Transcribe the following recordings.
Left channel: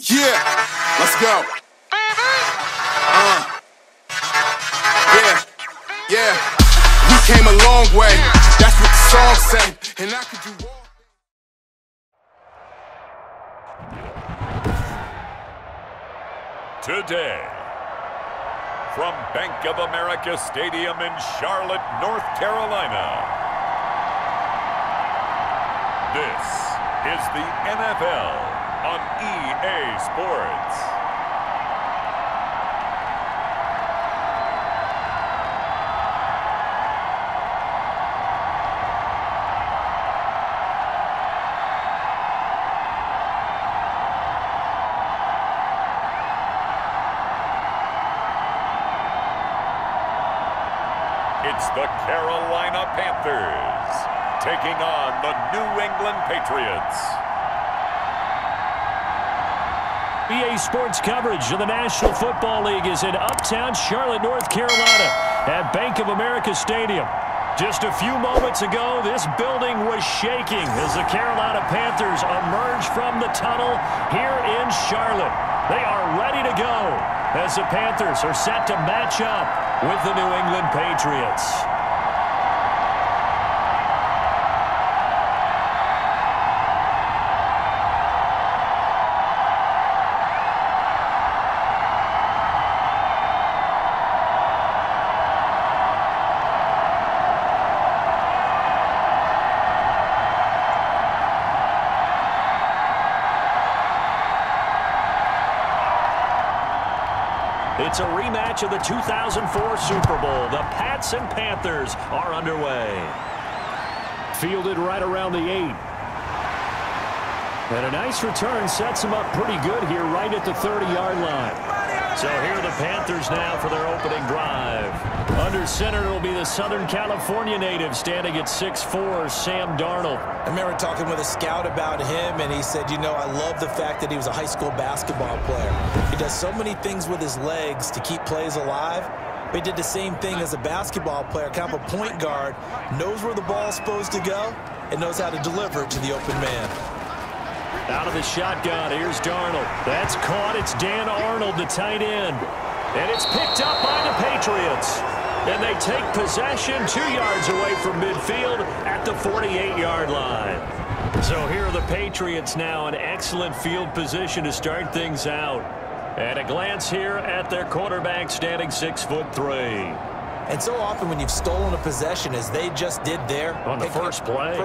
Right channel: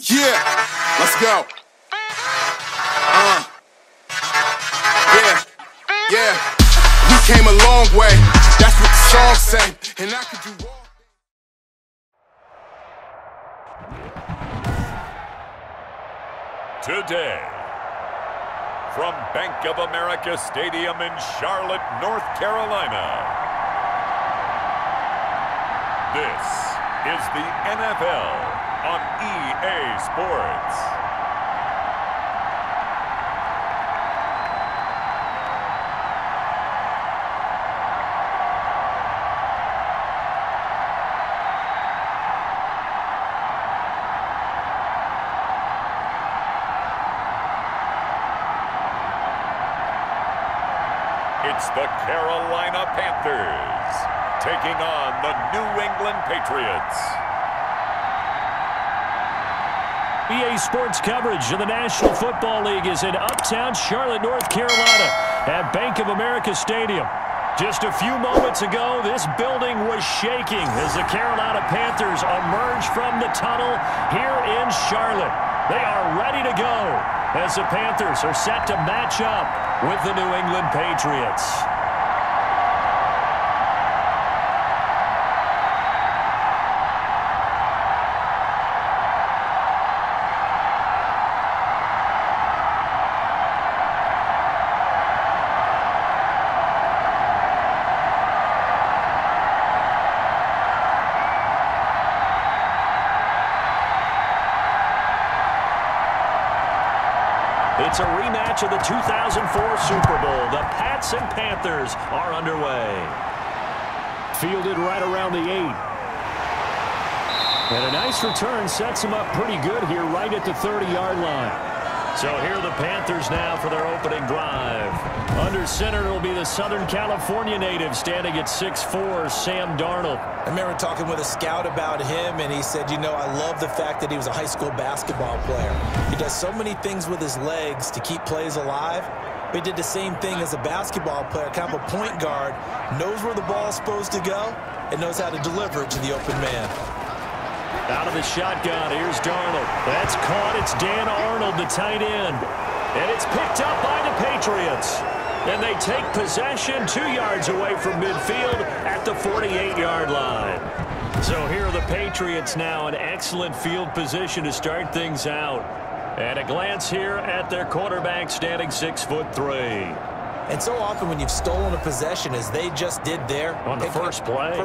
Yeah, let's go. Yeah. We came a long way. That's what the song say. And I could do all. Today, from Bank of America Stadium in Charlotte, North Carolina, this is the NFL on EA Sports. It's the Carolina Panthers taking on the New England Patriots. EA Sports coverage of the National Football League is in uptown Charlotte, North Carolina at Bank of America Stadium. Just a few moments ago, this building was shaking as the Carolina Panthers emerged from the tunnel here in Charlotte. They are ready to go as the Panthers are set to match up with the New England Patriots. It's a rematch of the 2004 Super Bowl. The Pats and Panthers are underway. Fielded right around the 8. And a nice return sets them up pretty good here right at the 30-yard line. So here are the Panthers now for their opening drive. Under center, it'll be the Southern California native standing at 6'4", Sam Darnold. I remember talking with a scout about him, and he said, you know, I love the fact that he was a high school basketball player. He does so many things with his legs to keep plays alive, but he did the same thing as a basketball player, kind of a point guard, knows where the ball is supposed to go, and knows how to deliver it to the open man. Out of the shotgun, here's Darnold. That's caught. It's Dan Arnold, the tight end. And it's picked up by the Patriots. And they take possession 2 yards away from midfield at the 48-yard line. So here are the Patriots now in excellent field position to start things out. And a glance here at their quarterback standing 6'3". And so often when you've stolen a possession, as they just did there, on the first play,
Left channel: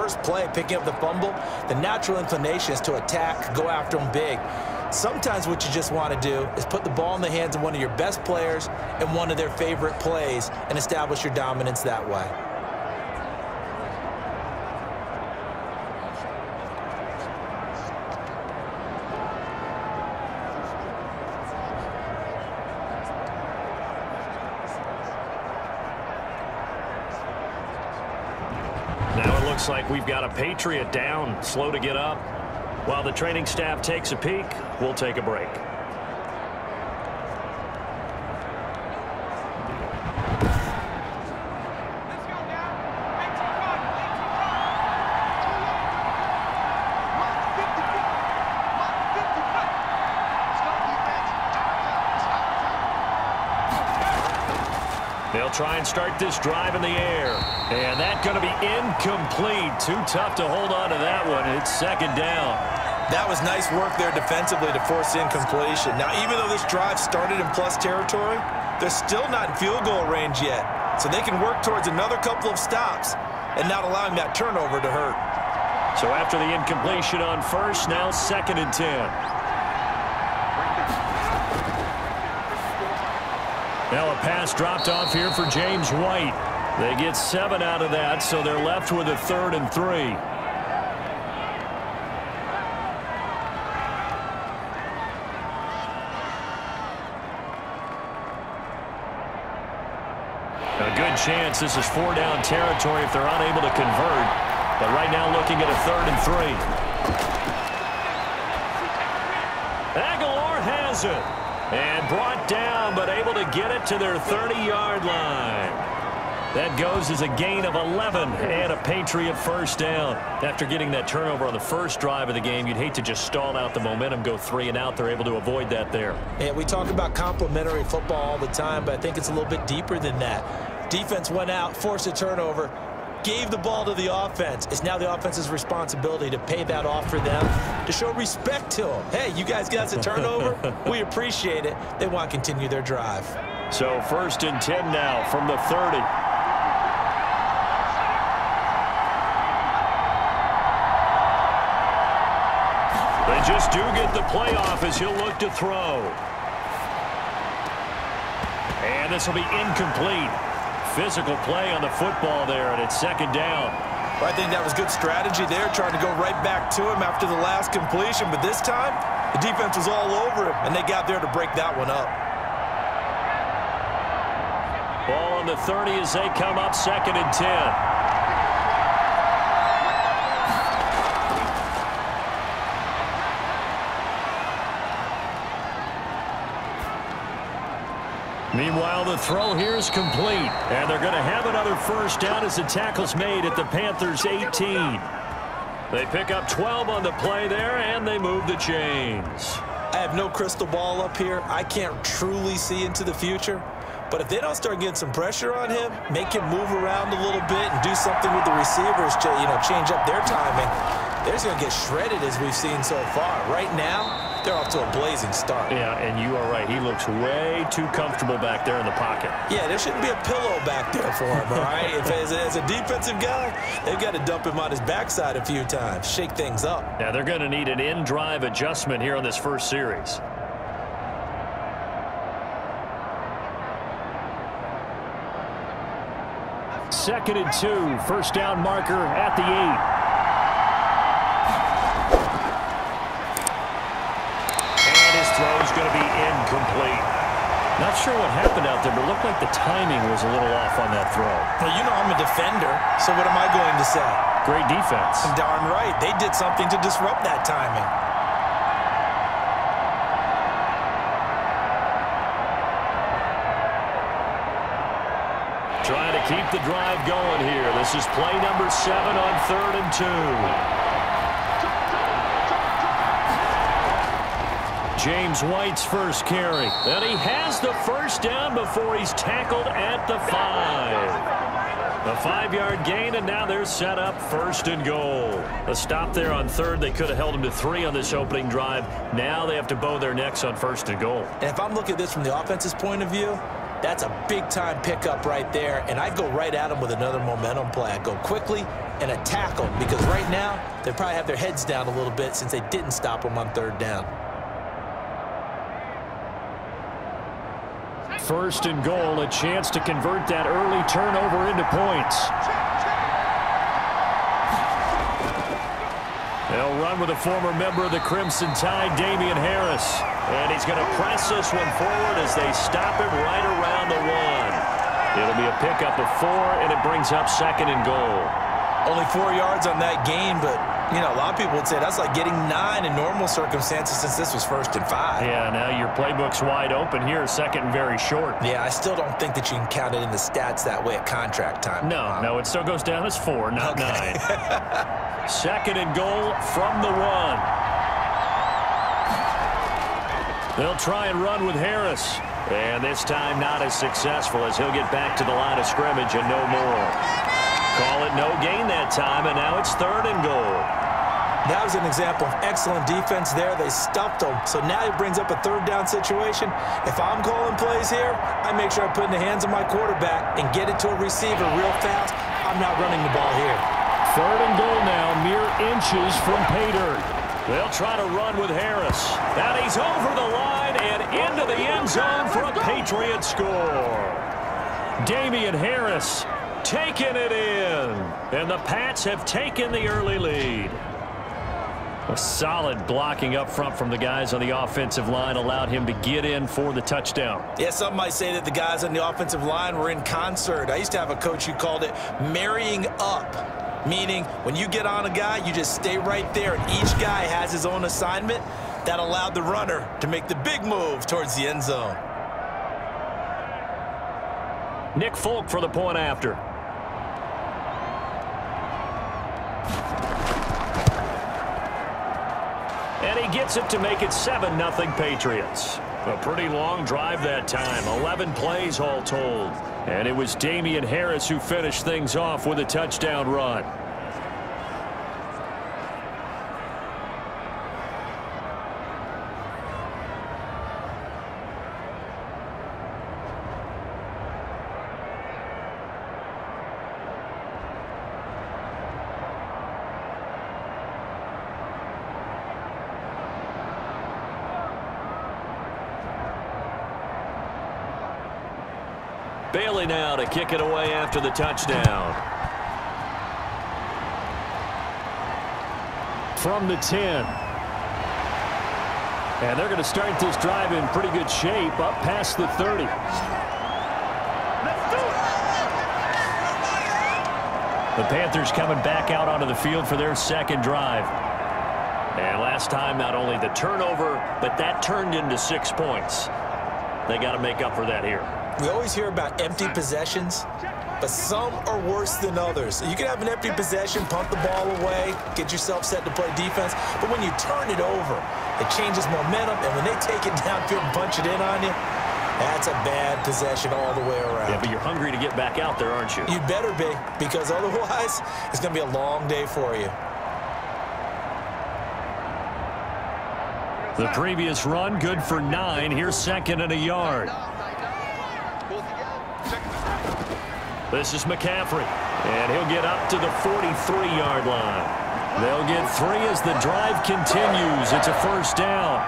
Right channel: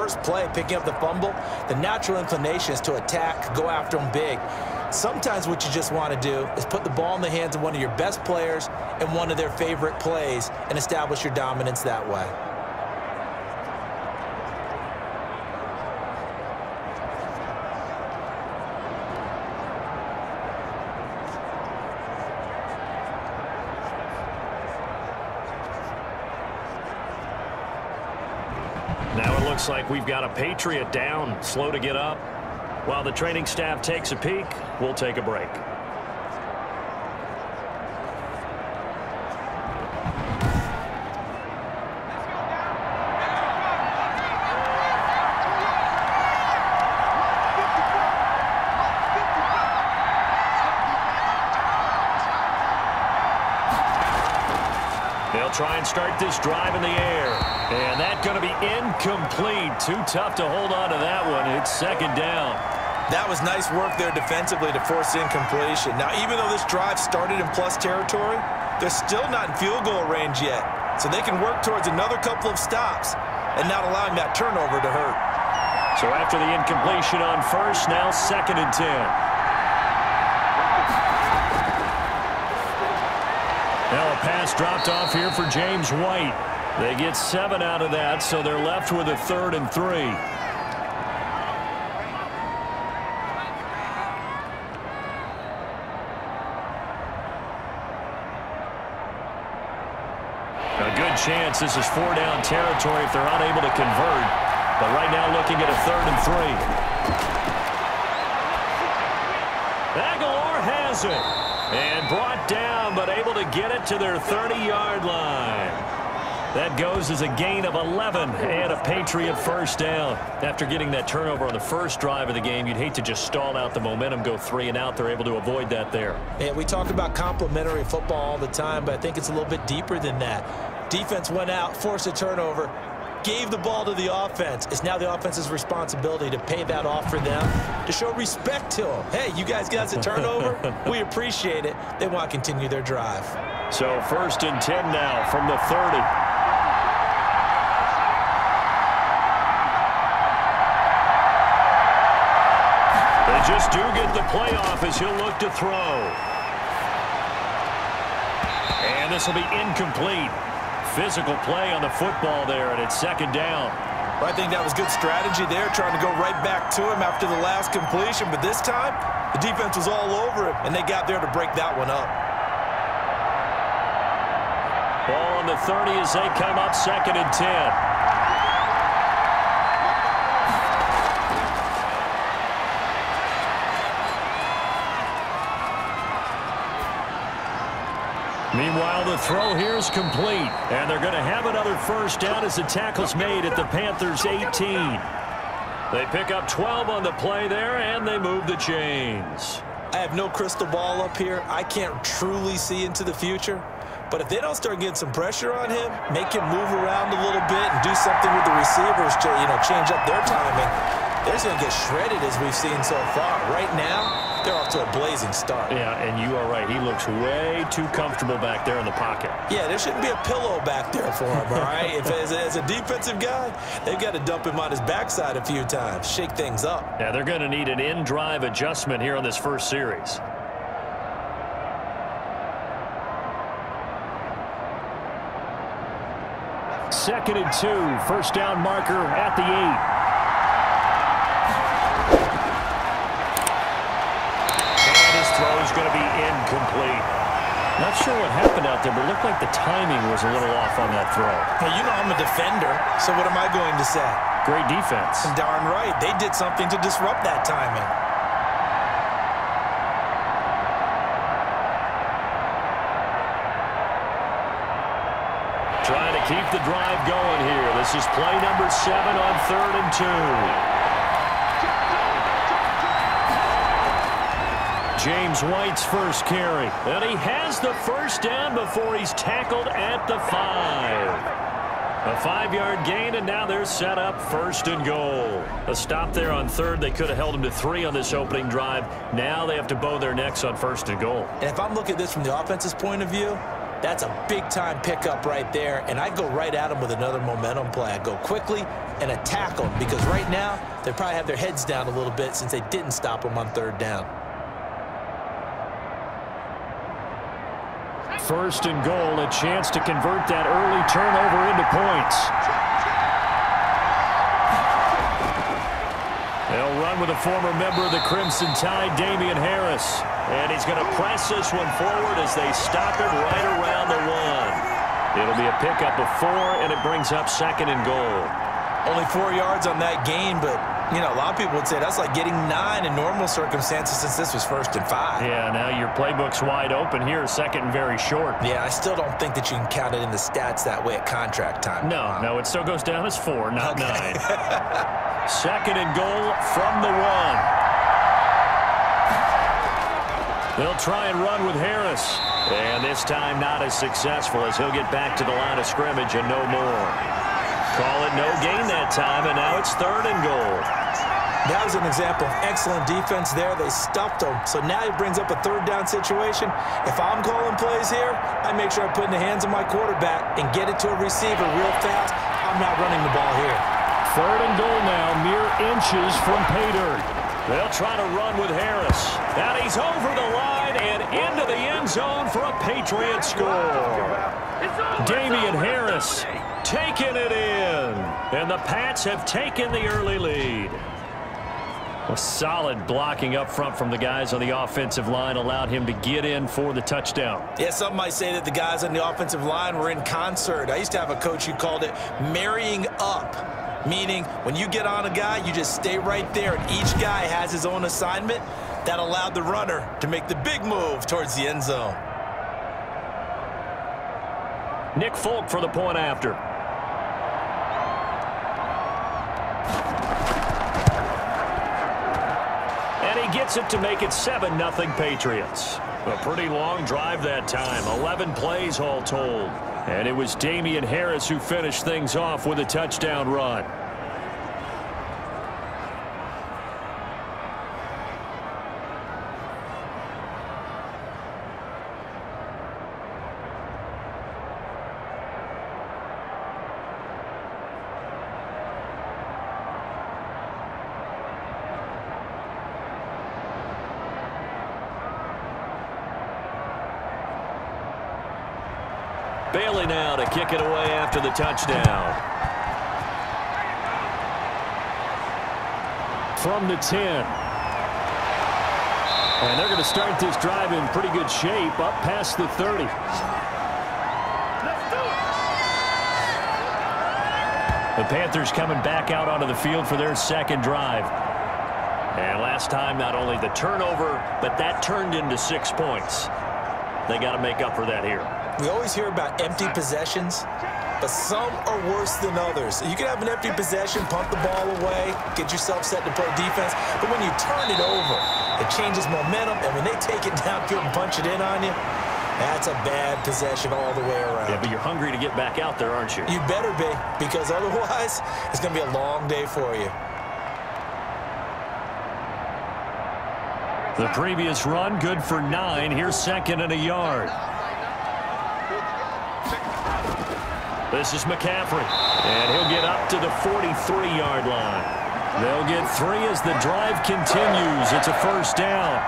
picking up the fumble, the natural inclination is to attack, go after them big. Sometimes what you just want to do is put the ball in the hands of one of your best players in one of their favorite plays and establish your dominance that way. Now it looks like we've got a Patriot down, slow to get up. While the training staff takes a peek, we'll take a break. They'll try and start this drive in the air. And that's going to be incomplete. Too tough to hold on to that one. It's second down. That was nice work there defensively to force incompletion. Now, even though this drive started in plus territory, they're still not in field goal range yet. So they can work towards another couple of stops and not allowing that turnover to hurt. So after the incompletion on first, now 2nd and 10. Now a pass dropped off here for James White. They get 7 out of that, so they're left with a 3rd and 3. A good chance this is 4-down territory if they're unable to convert. But right now looking at a 3rd and 3. Aguilar has it. And brought down, but able to get it to their 30-yard line. That goes as a gain of 11 and a Patriot first down. After getting that turnover on the first drive of the game, you'd hate to just stall out the momentum, go 3 and out. They're able to avoid that there. Yeah, we talk about complementary football all the time, but I think it's a little bit deeper than that. Defense went out, forced a turnover, gave the ball to the offense. It's now the offense's responsibility to pay that off for them, to show respect to them. Hey, you guys got us a turnover? We appreciate it. They want to continue their drive. So 1st and 10 now from the 30. They just do get the playoff as he'll look to throw. And this will be incomplete. Physical play on the football there, and it's 2nd down. Well, I think that was good strategy there, trying to go right back to him after the last completion. But this time, the defense was all over him, and they got there to break that one up. Ball on the 30 as they come up 2nd and 10. Meanwhile, the throw here is complete, and they're going to have another first down as the tackle's made at the Panthers' 18. They pick up 12 on the play there, and they move the chains. I have no crystal ball up here. I can't truly see into the future. But if they don't start getting some pressure on him, make him move around a little bit and do something with the receivers to, change up their timing, they're just going to get shredded as we've seen so far. Right now, they're off to a blazing start. Yeah, and you are right. He looks way too comfortable back there in the pocket. Yeah, there shouldn't be a pillow back there for him, all right? If as a defensive guy, they've got to dump him on his backside a few times, shake things up. Yeah, they're going to need an in-drive adjustment here on this first series. Second and 2, first down marker at the 8. Throw is going to be incomplete. Not sure what happened out there, but it looked like the timing was a little off on that throw. Well, I'm a defender, so what am I going to say? Great defense. Darn right. They did something to disrupt that timing. Trying to keep the drive going here. This is play number 7 on 3rd and 2. James White's first carry. And he has the first down before he's tackled at the 5. A 5-yard gain, and now they're set up 1st and goal. A stop there on 3rd. They could have held him to 3 on this opening drive. Now they have to bow their necks on 1st and goal. And if I'm looking at this from the offense's point of view, that's a big-time pickup right there, and I go right at them with another momentum play. I go quickly and attack them, because right now they probably have their heads down a little bit since they didn't stop them on 3rd down. 1st and goal, a chance to convert that early turnover into points. They'll run with a former member of the Crimson Tide, Damian Harris. And he's going to press this one forward as they stop him right around the 1. It'll be a pickup of 4, and it brings up 2nd and goal. Only 4 yards on that gain, but a lot of people would say that's like getting 9 in normal circumstances since this was 1st and 5. Yeah, now your playbook's wide open here, 2nd and very short. Yeah, I still don't think that you can count it in the stats that way at contract time. No, it still goes down as 4, not 9. 2nd and goal from the 1. They'll try and run with Harris. And this time not as successful as he'll get back to the line of scrimmage and no more. Call it no gain that time, and now it's 3rd and goal. That was an example of excellent defense there. They stuffed him. So now he brings up a 3rd down situation. If I'm calling plays here, I make sure I put it in the hands of my quarterback and get it to a receiver real fast. I'm not running the ball here. 3rd and goal now, mere inches from Pater. They'll try to run with Harris. And he's over the line and into the end zone for a Patriot score. Damian Harris taking it in. And the Pats have taken the early lead. A solid blocking up front from the guys on the offensive line allowed him to get in for the touchdown. Yeah, some might say that the guys on the offensive line were in concert. I used to have a coach who called it marrying up, meaning when you get on a guy, you just stay right there, and each guy has his own assignment. That allowed the runner to make the big move towards the end zone. Nick Folk for the point after. And he gets it to make it 7-0 Patriots. A pretty long drive that time, 11 plays all told. And it was Damian Harris who finished things off with a touchdown run. Bailey now to kick it away after the touchdown. From the 10. And they're going to start this drive in pretty good shape, up past the 30. Let's do it! The Panthers coming back out onto the field for their second drive. And last time, not only the turnover, but that turned into 6 points. They got to make up for that here. We always hear about empty possessions, but some are worse than others. You can have an empty possession, punt the ball away, get yourself set to play defense, but when you turn it over, it changes momentum, and when they take it downfield and punch it in on you, that's a bad possession all the way around. Yeah, but you're hungry to get back out there, aren't you? You better be, because otherwise, it's going to be a long day for you. The previous run, good for 9. Here's 2nd and a yard. This is McCaffrey, and he'll get up to the 43-yard line. They'll get 3 as the drive continues. It's a first down.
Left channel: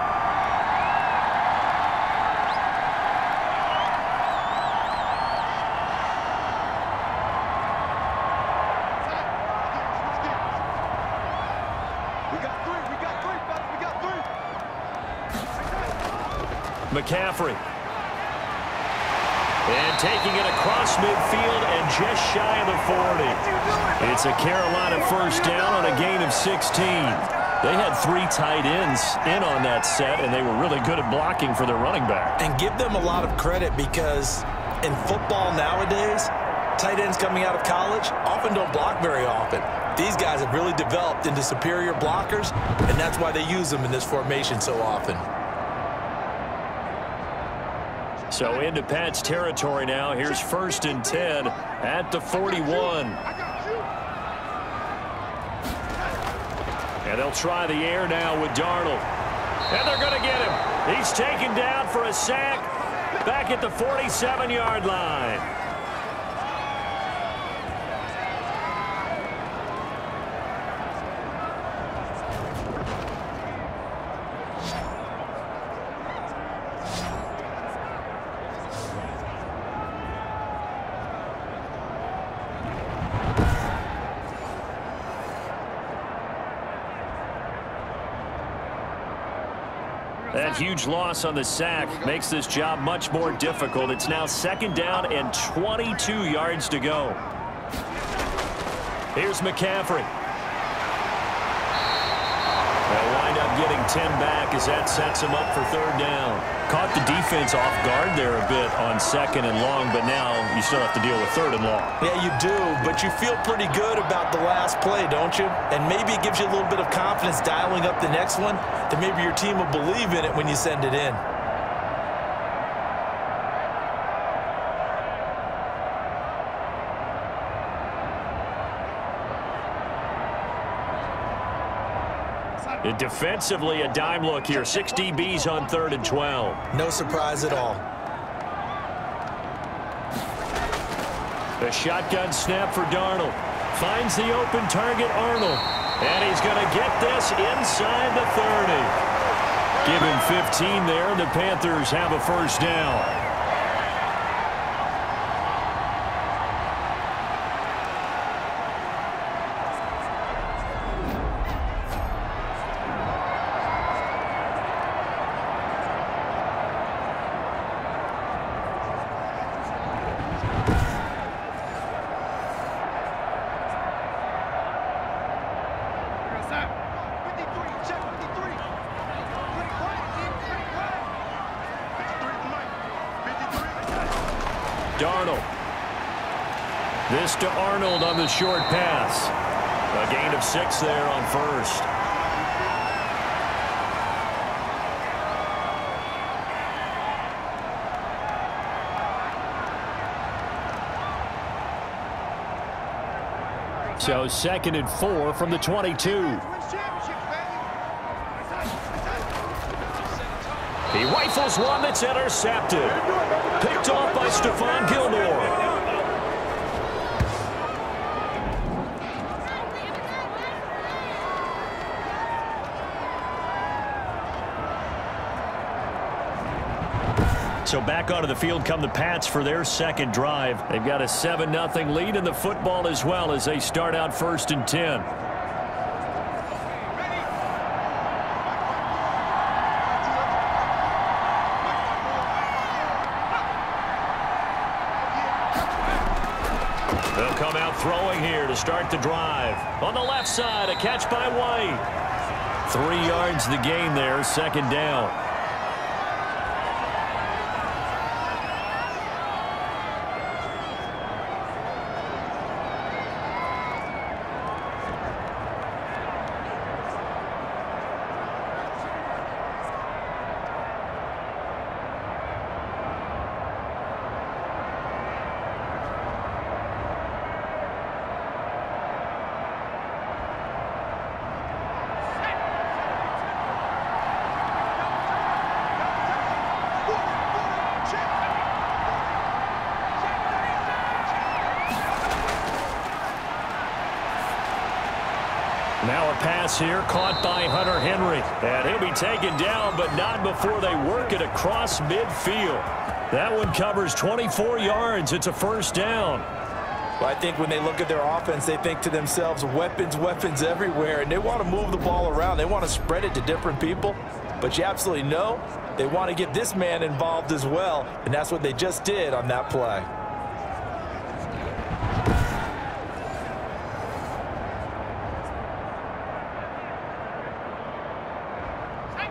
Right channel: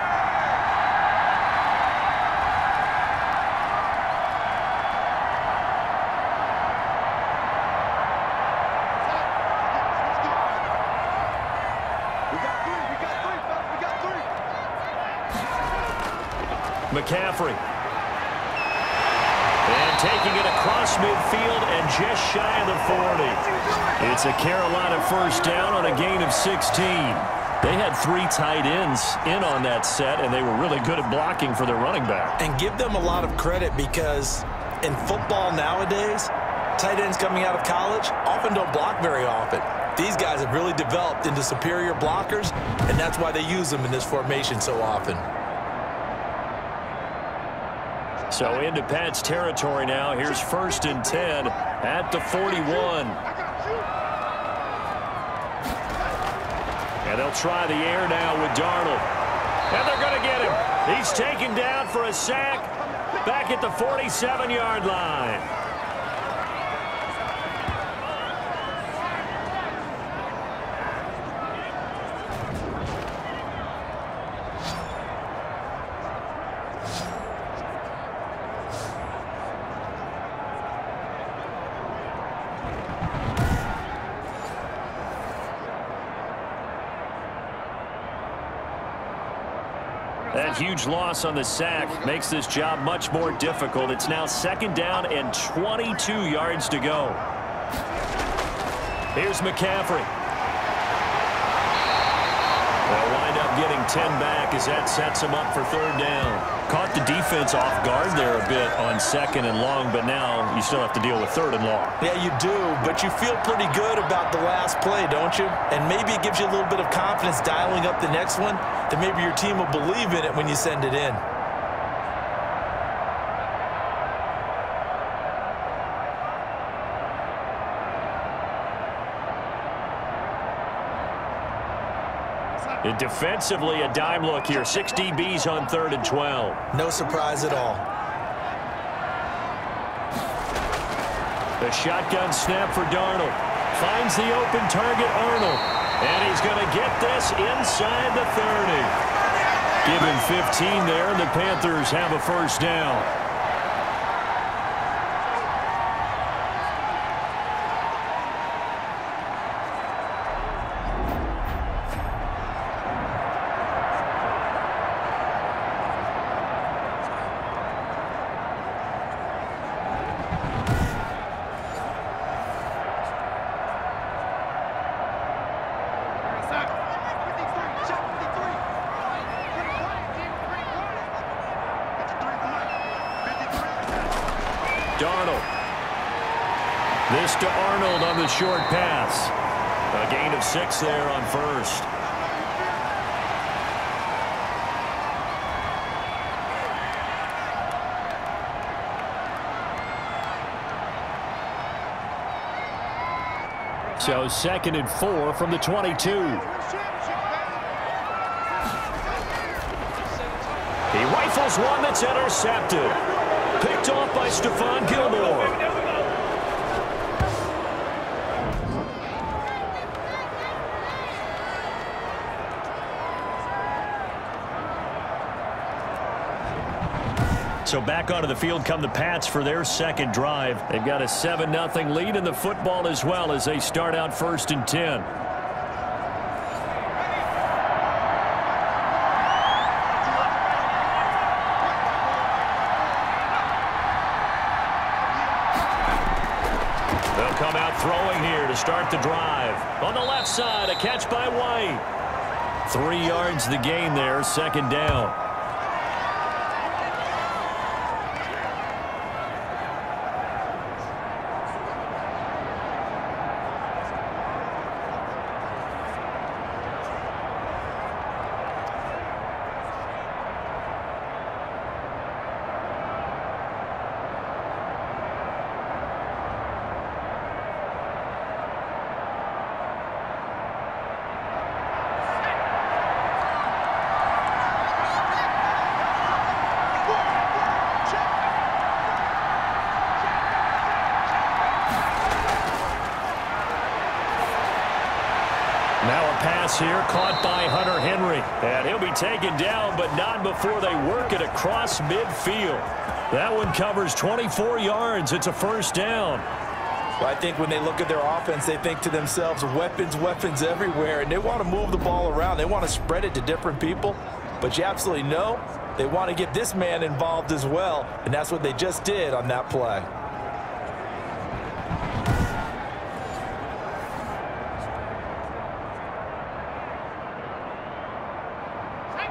We got 3, fellas, we got 3. McCaffrey. And taking it across midfield and just shy of the 40. It's a Carolina first down on a gain of 16. They had 3 tight ends in on that set, and they were really good at blocking for their running back. And give them a lot of credit, because in football nowadays, tight ends coming out of college often don't block very often. These guys have really developed into superior blockers, and that's why they use them in this formation so often. So into Pat's territory now. Here's 1st and 10 at the 41. And they'll try the air now with Darnold. And they're going to get him. He's taken down for a sack back at the 47-yard line. That huge loss on the sack makes this job much more difficult. It's now 2nd down and 22 yards to go. Here's McCaffrey. They'll wind up getting 10 back as that sets them up for 3rd down. Caught the defense off guard there a bit on 2nd and long, but now you still have to deal with 3rd and long. Yeah, you do, but you feel pretty good about the last play, don't you? And maybe it gives you a little bit of confidence dialing up the next one, that maybe your team will believe in it when you send it in. Defensively, a dime look here. 6 DBs on 3rd and 12. No surprise at all. The shotgun snap for Darnold. Finds the open target, Arnold. And he's going to get this inside the 30. Give him 15 there, and the Panthers have a first down. Darnold This to Arnold on the short pass. A gain of 6 there on first. So 2nd and 4 from the 22. He rifles one that's intercepted. Picked off by Stephon Gilmore. So back onto the field come the Pats for their second drive. They've got a 7-0 lead in the football as well as they start out 1st and 10. They'll come out throwing here to start the drive. On the left side, a catch by White. 3 yards the gain there, 2nd down. Now a pass here caught by Hunter Henry. And he'll be taken down, but not before they work it across midfield. That one covers 24 yards. It's a 1st down. Well, I think when they look at their offense, they think to themselves, weapons, weapons everywhere, and they want to move the ball around. They want to spread it to different people. But you absolutely know they want to get this man involved as well, and that's what they just did on that play.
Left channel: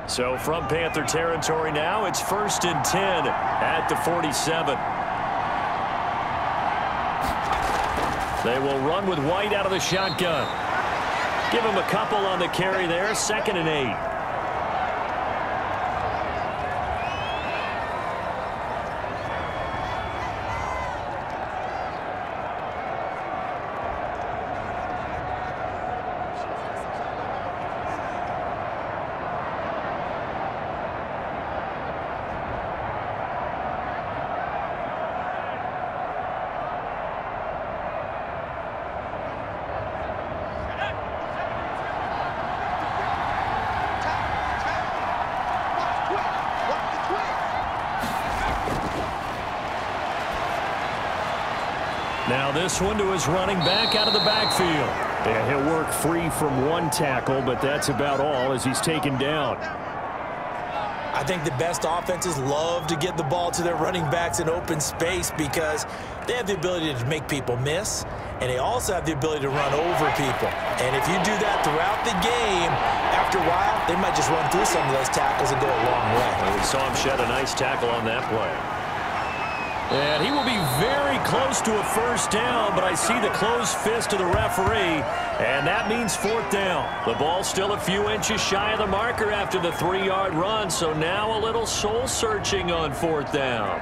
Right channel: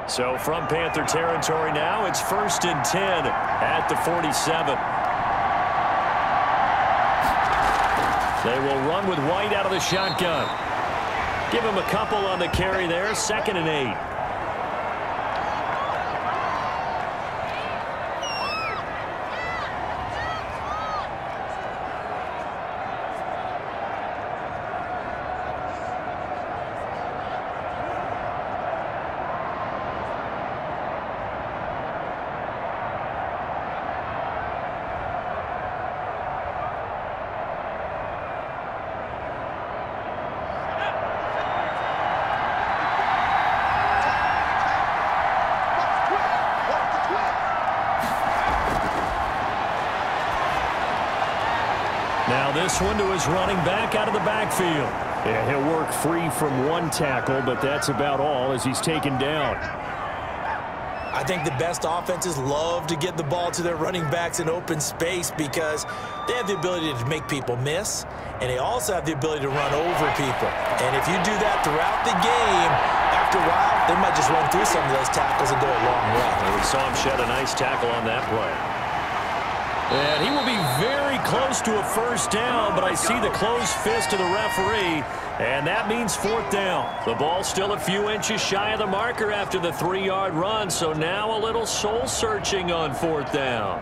So from Panther territory now, it's 1st and 10 at the 47. They will run with White out of the shotgun. Give him a couple on the carry there, 2nd and 8. Now this one to his running back out of the backfield. And he'll work free from one tackle, but that's about all as he's taken down. I think the best offenses love to get the ball to their running backs in open space because they have the ability to make people miss, and they also have the ability to run over people. And if you do that throughout the game, after a while, they might just run through some of those tackles and go a long way. And we saw him shed a nice tackle on that play. And he will be very close to a 1st down, but I see the closed fist of the referee, and that means 4th down. The ball's still a few inches shy of the marker after the 3-yard run, so now a little soul-searching on 4th down.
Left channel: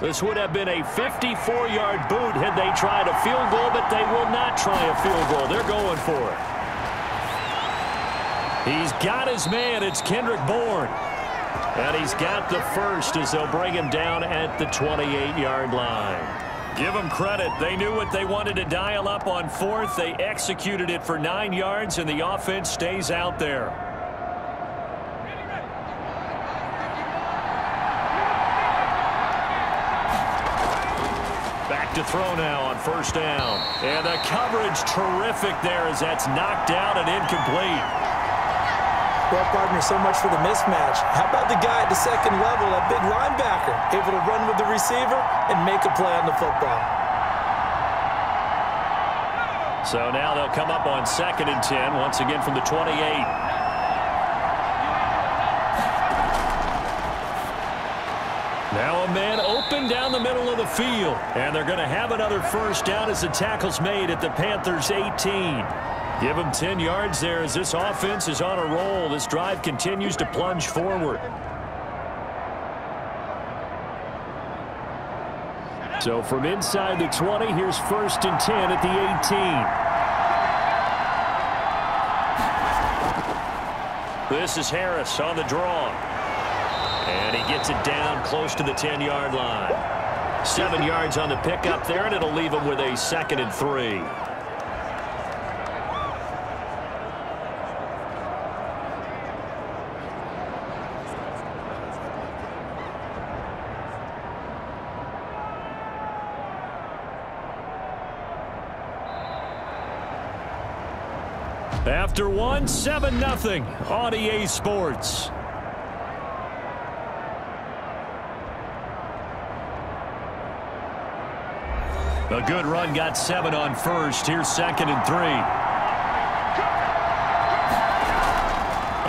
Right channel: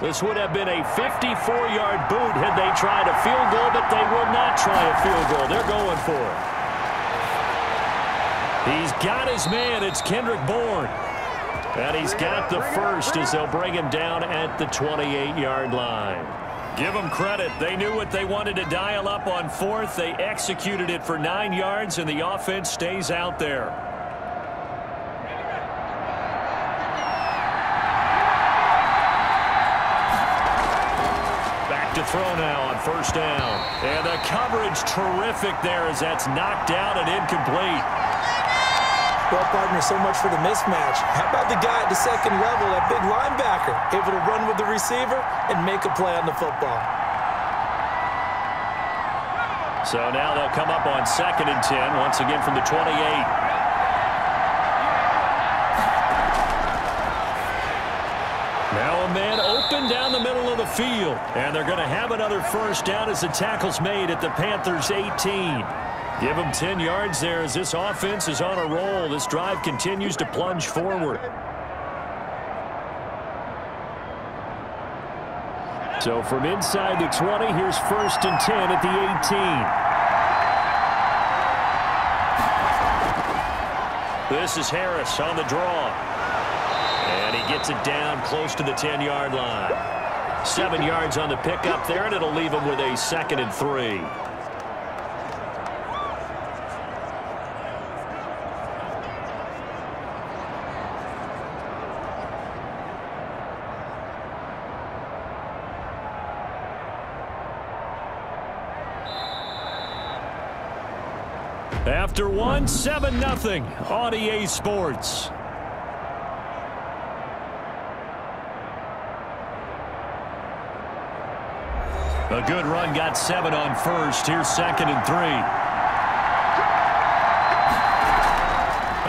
This would have been a 54-yard boot had they tried a field goal, but they will not try a field goal. They're going for it. He's got his man. It's Kendrick Bourne. And he's got the first as they'll bring him down at the 28-yard line. Give them credit. They knew what they wanted to dial up on 4th. They executed it for 9 yards, and the offense stays out there. Back back to throw now on first down. And the coverage terrific there as that's knocked down and incomplete. Well, partner, so much for the mismatch. How about the guy at the second level, that big linebacker, able to run with the receiver and make a play on the football? So now they'll come up on 2nd and 10, once again from the 28. Now a man open down the middle of the field. And they're going to have another first down as the tackle's made at the Panthers' 18. Give them 10 yards there as this offense is on a roll. This drive continues to plunge forward. So from inside the 20, here's 1st and 10 at the 18. This is Harris on the draw. And he gets it down close to the 10-yard line. 7 yards on the pickup there, and it'll leave him with a 2nd and 3. After one, 7-0 on EA Sports. A good run got 7 on first. Here's 2nd and 3.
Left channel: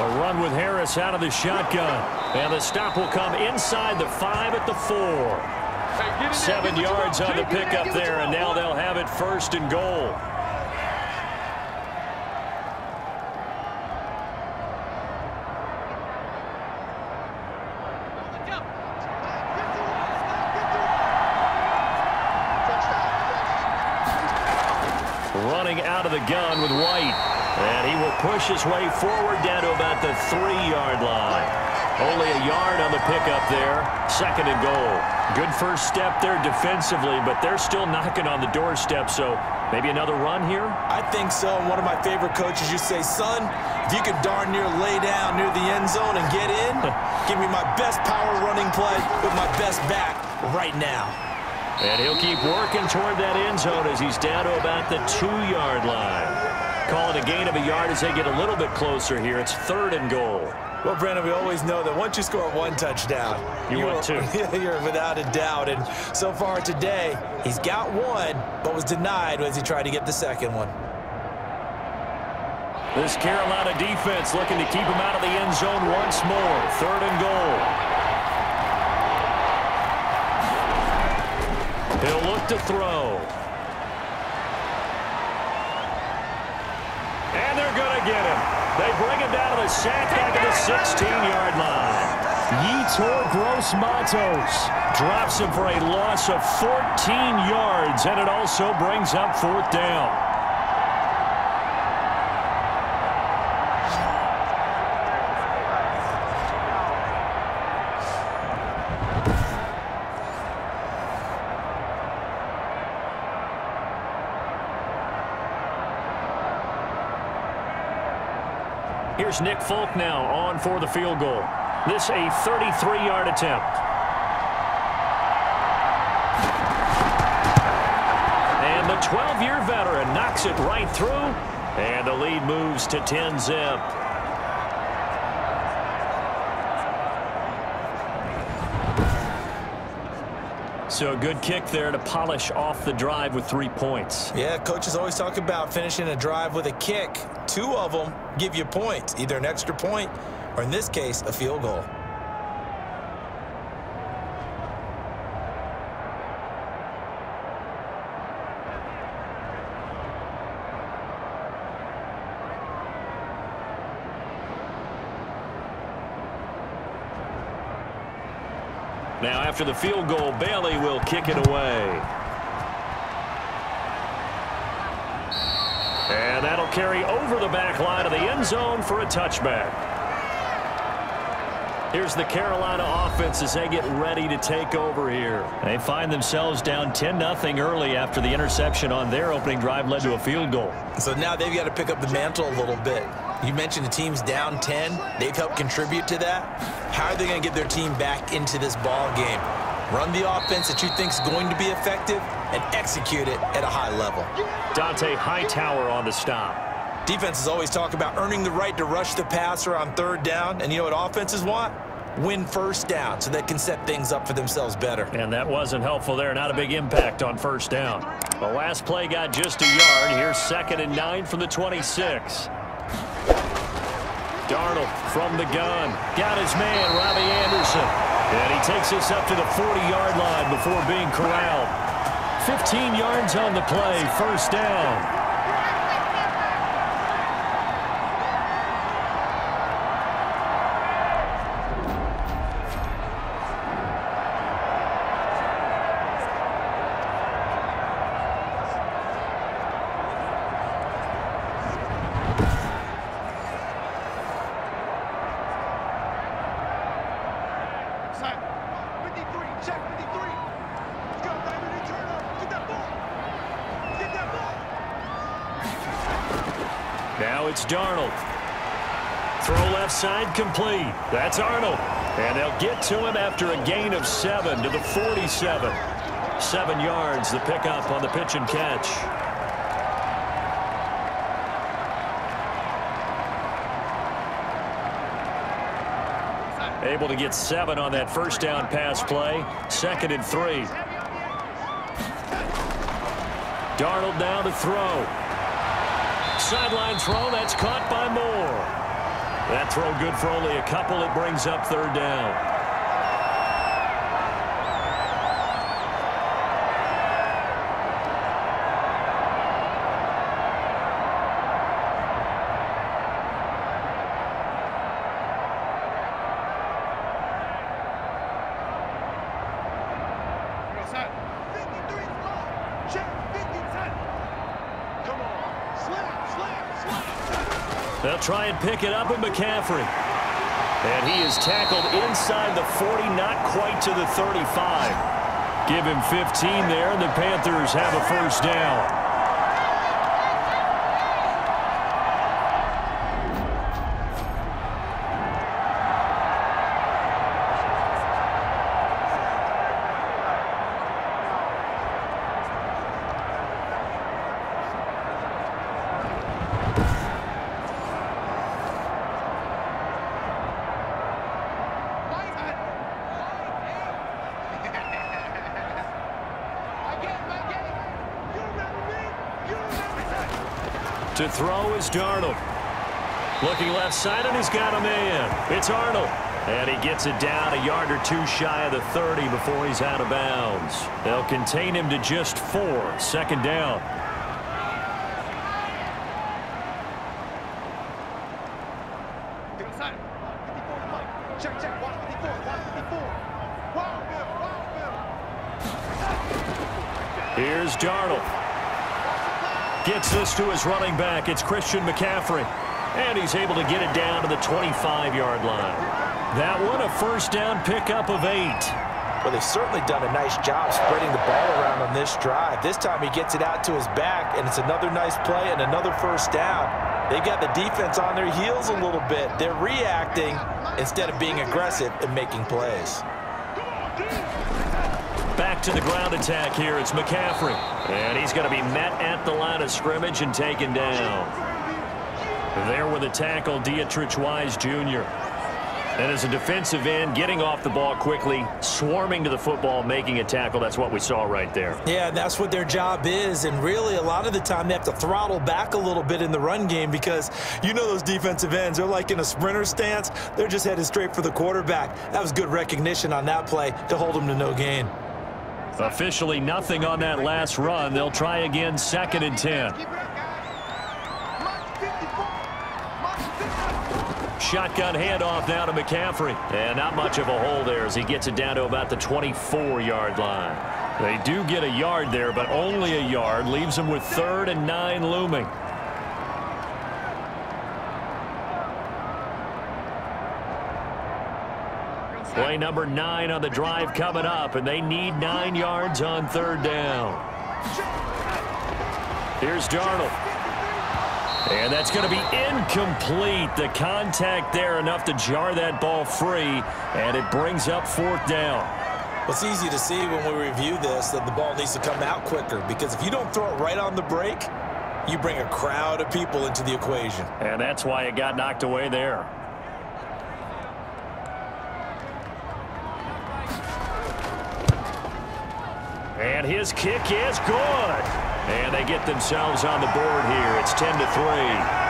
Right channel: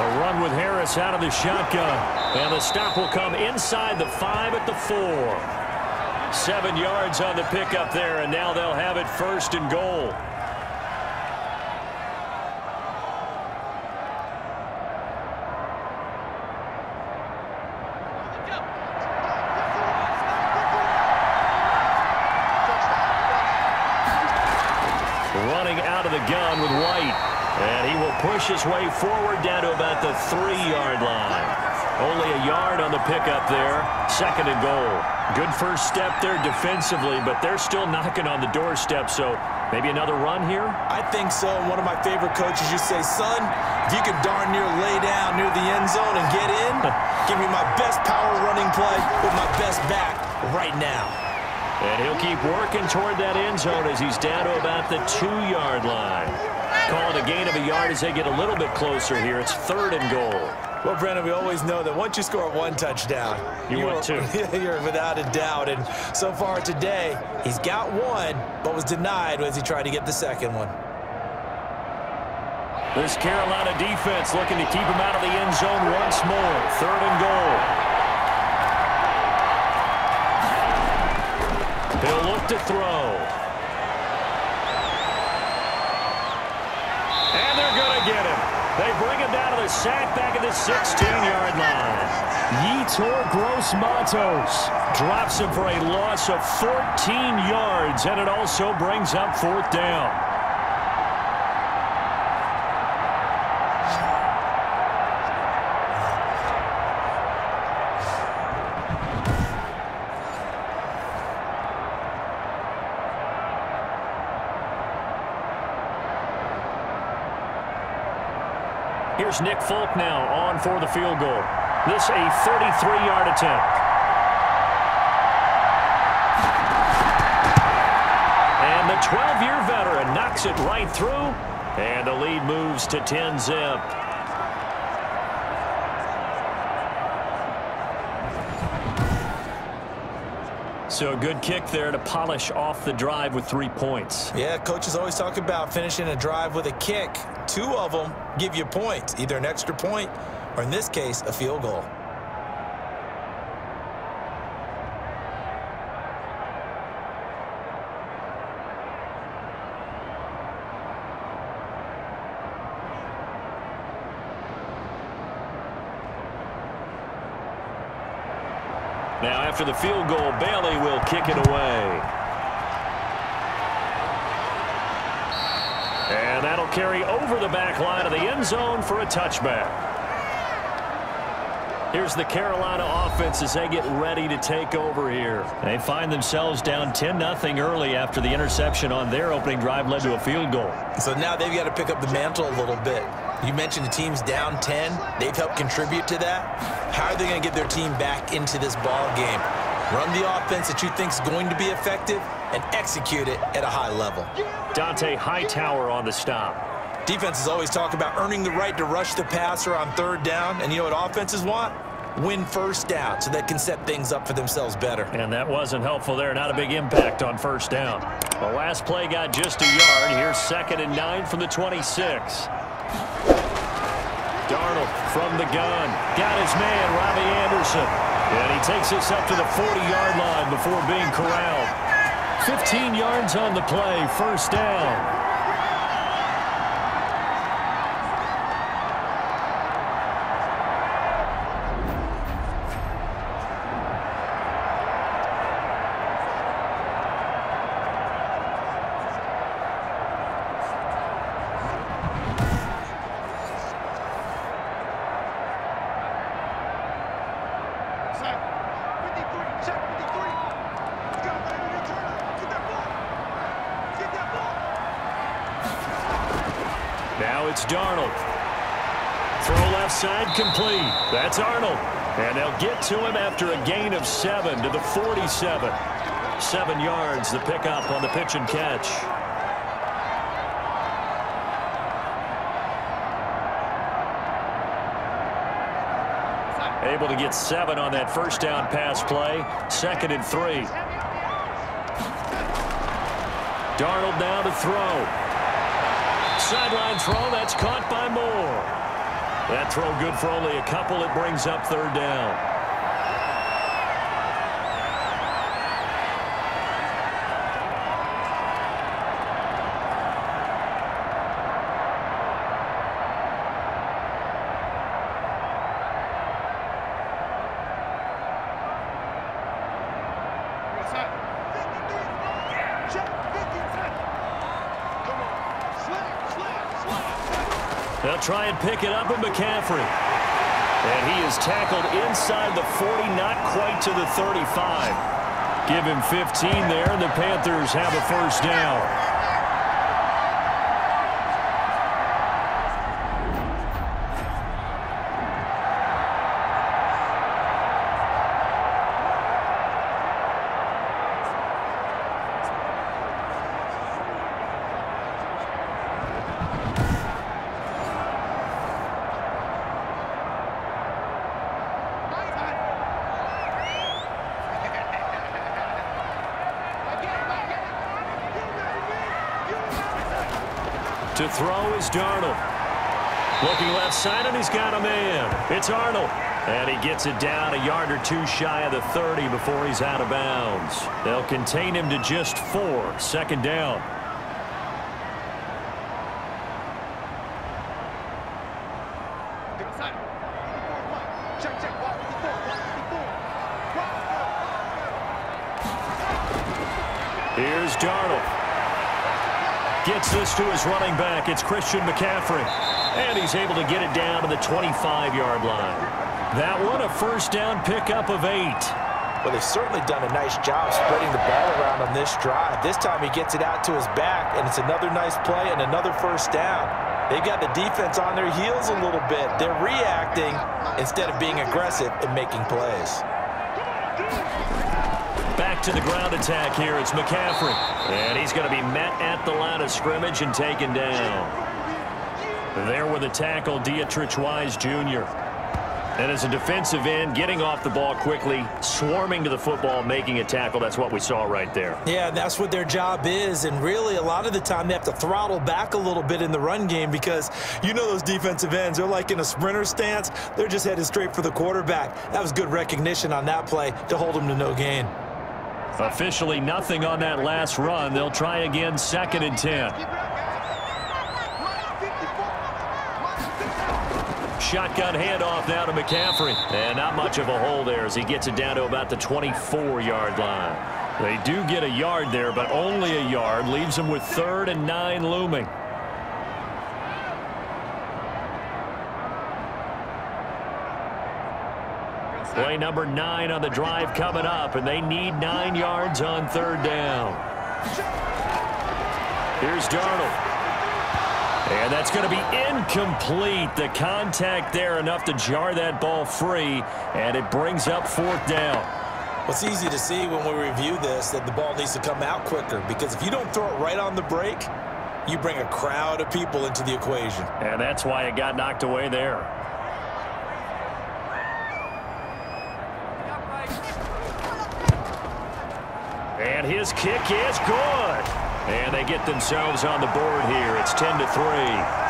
A run with Harris out of the shotgun. And the stop will come inside the 5 at the 4. 7 yards on the pickup there, and now they'll have it 1st and goal. Running out of the gun with White. And he will push his way forward down to about the 3-yard line. Only a yard on the pickup there. 2nd and goal. Good first step there defensively, but they're still knocking on the doorstep, so maybe another run here? I think so. And one of my favorite coaches used to say, son, if you could darn near lay down near the end zone and get in, give me my best power running play with my best back right now. And he'll keep working toward that end zone as he's down to about the 2-yard line. Call it a gain of a yard as they get a little bit closer here. It's 3rd and goal. Well, Brandon, we always know that once you score 1 touchdown, you want 2. You're without a doubt. And so far today, he's got 1, but was denied as he tried to get the 2nd one. This Carolina defense looking to keep him out of the end zone once more. 3rd and goal. He'll look to throw. And they're going to get him. They bring him down to the sack back at the 16-yard line. Yetur Gross-Matos drops him for a loss of 14 yards, and it also brings up 4th down. Here's Nick Folk now on for the field goal. This a 33-yard attempt. And the 12-year veteran knocks it right through, and the lead moves to 10-zip. So a good kick there to polish off the drive with 3 points. Yeah, coaches always talk about finishing a drive with a kick. 2 of them give you points, either an extra point or, in this case, a field goal. Now, after the field goal, Bailey will kick it away. And that'll carry over the back line of the end zone for a touchback. Here's the Carolina offense as they get ready to take over here. They find themselves down 10-0 early after the interception on their opening drive led to a field goal. So now they've got to pick up the mantle a little bit. You mentioned the team's down 10. They've helped contribute to that. How are they going to get their team back into this ball game? Run the offense that you think is going to be effective and execute it at a high level. Dante Hightower on the stop. Defenses always talk about earning the right to rush the passer on third down, and you know what offenses want? Win first down so they can set things up for themselves better. And that wasn't helpful there. Not a big impact on first down. The last play got just a yard. Here's 2nd and 9 from the 26. Darnold from the gun. Got his man, Robbie Anderson. And he takes us up to the 40-yard line before being corralled. 15 yards on the play, first down. Now it's Darnold. Throw left side complete. That's Arnold. And they'll get to him after a gain of 7 to the 47. 7 yards, the pickup on the pitch and catch. Able to get 7 on that first down pass play. 2nd and 3. Darnold now to throw. Sideline throw, that's caught by Moore. That throw good for only a couple. It brings up 3rd down. They'll try and pick it up with McCaffrey. And he is tackled inside the 40, not quite to the 35. Give him 15 there, and the Panthers have a first down. To throw is Darnold. Looking left side, and he's got a man. It's Arnold. And he gets it down a yard or 2 shy of the 30 before he's out of bounds. They'll contain him to just 4. 2nd down. Here's Darnold. Gets this to his running back. It's Christian McCaffrey. And he's able to get it down to the 25-yard line. That one, a first down pickup of 8. Well, they've certainly done a nice job spreading the ball around on this drive. This time he gets it out to his back, and it's another nice play and another first down. They've got the defense on their heels a little bit. They're reacting instead of being aggressive and making plays. Back to the ground attack here. It's McCaffrey. And he's going to be met at the line of scrimmage and taken down. There with the tackle, Dietrich Wise Jr. And as a defensive end, getting off the ball quickly, swarming to the football, making a tackle. That's what we saw right there. Yeah, that's what their job is. And really, a lot of the time, they have to throttle back a little bit in the run game because you know those defensive ends, they're like in a sprinter stance. They're just headed straight for the quarterback. That was good recognition on that play to hold them to no gain. Officially nothing on that last run. They'll try again, 2nd and 10. Shotgun handoff now to McCaffrey. And not much of a hole there as he gets it down to about the 24-yard line. They do get a yard there, but only a yard. Leaves them with 3rd and 9 looming. Play number 9 on the drive coming up, and they need 9 yards on 3rd down. Here's Darnold. And that's going to be incomplete. The contact there enough to jar that ball free, and it brings up 4th down. Well, it's easy to see when we review this that the ball needs to come out quicker, because if you don't throw it right on the break, you bring a crowd of people into the equation. And that's why it got knocked away there. And his kick is good. And they get themselves on the board here. It's 10-3.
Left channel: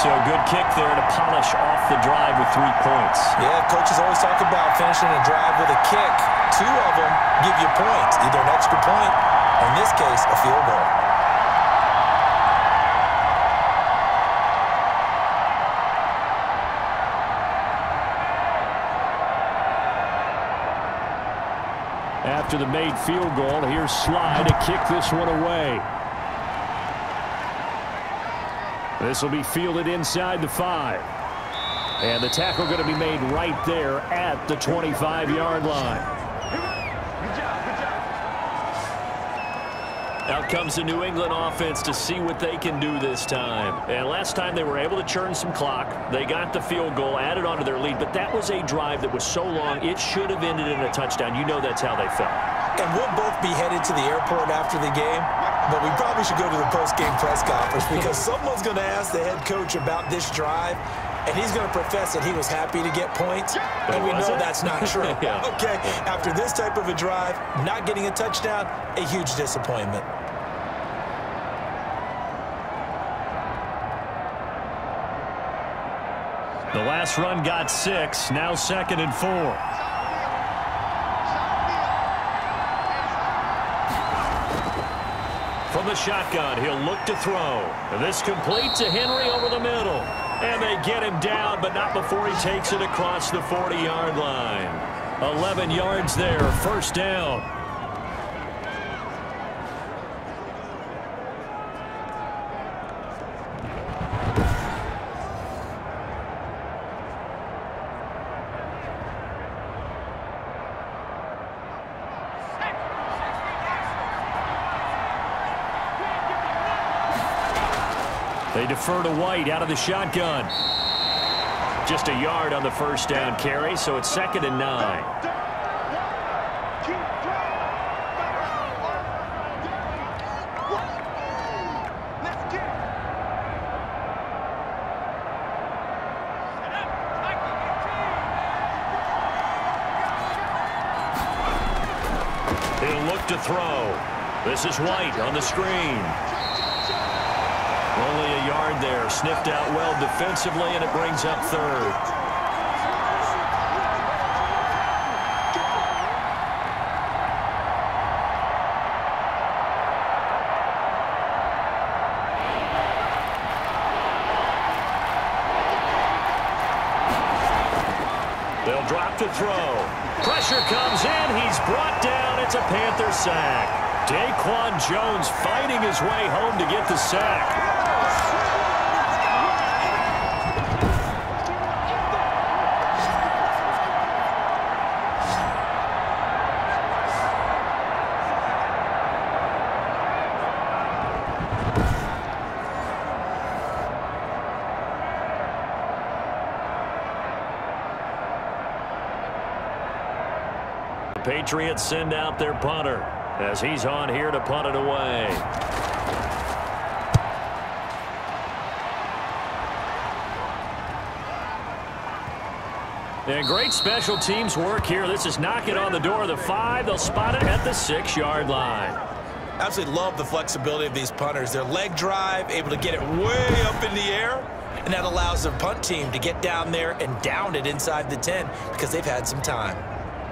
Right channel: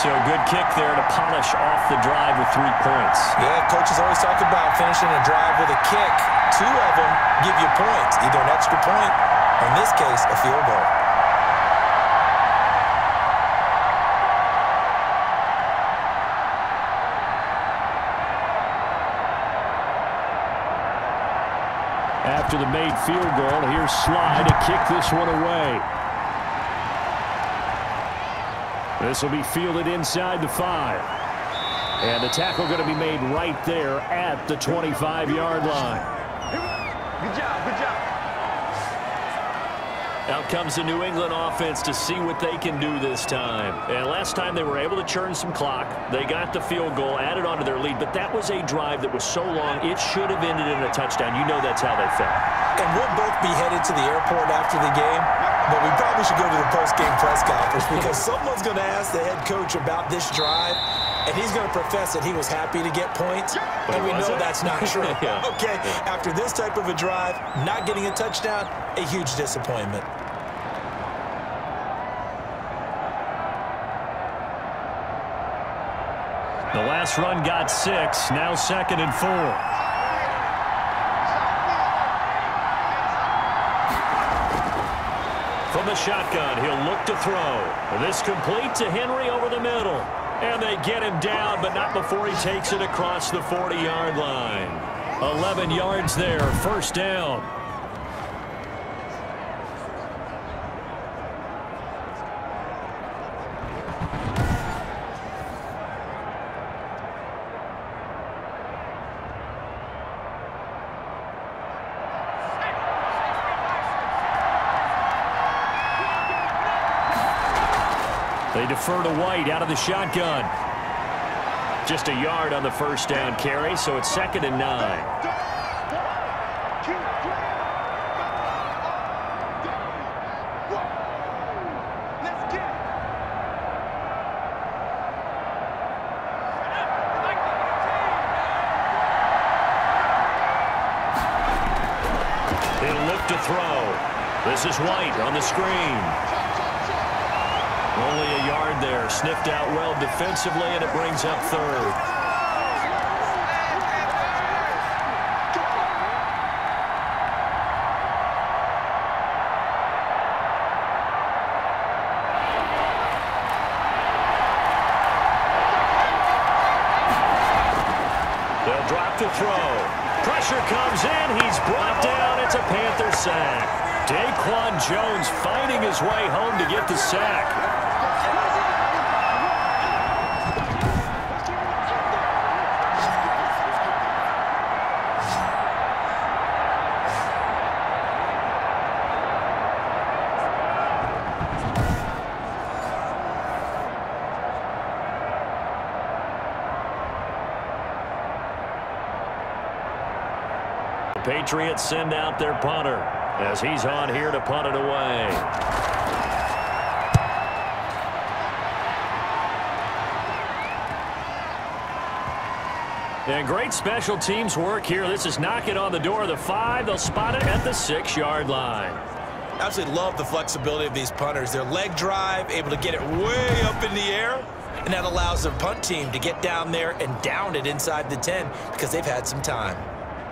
So a good kick there to polish off the drive with 3 points. Yeah, coaches always talk about finishing a drive with a kick. 2 of them give you points, either an extra point or, in this case, a field goal. After the made field goal, here's Sly to kick this one away. This will be fielded inside the 5. And the tackle going to be made right there at the 25-yard line. Good job, good job. Out comes the New England offense to see what they can do this time. And last time they were able to churn some clock. They got the field goal, added onto their lead, but that was a drive that was so long, it should have ended in a touchdown. You know that's how they felt. And we'll both be headed to the airport after the game, but we probably should go to the post-game press conference because someone's going to ask the head coach about this drive, and he's going to profess that he was happy to get points, and we know that's not true. Yeah. Okay, after this type of a drive, not getting a touchdown, a huge disappointment. The last run got 6, now 2nd and 4. From the shotgun, he'll look to throw. This complete to Henry over the middle. And they get him down, but not before he takes it across the 40-yard line. 11 yards there, first down. They defer to White out of the shotgun. Just a yard on the first down carry, so it's 2nd and 9. He'll look to throw. This is White on the screen. Only a yard there, sniffed out well defensively, and it brings up 3rd. They'll drop to throw. Pressure comes in. He's brought down. It's a Panther sack. Daquan Jones fighting his way home to get the sack. The Patriots send out their punter as he's on here to punt it away. And great special teams work here. This is knocking on the door of the 5. They'll spot it at the 6-yard line. Absolutely love the flexibility of these punters. Their leg drive, able to get it way up in the air, and that allows their punt team to get down there and down it inside the 10 because they've had some time.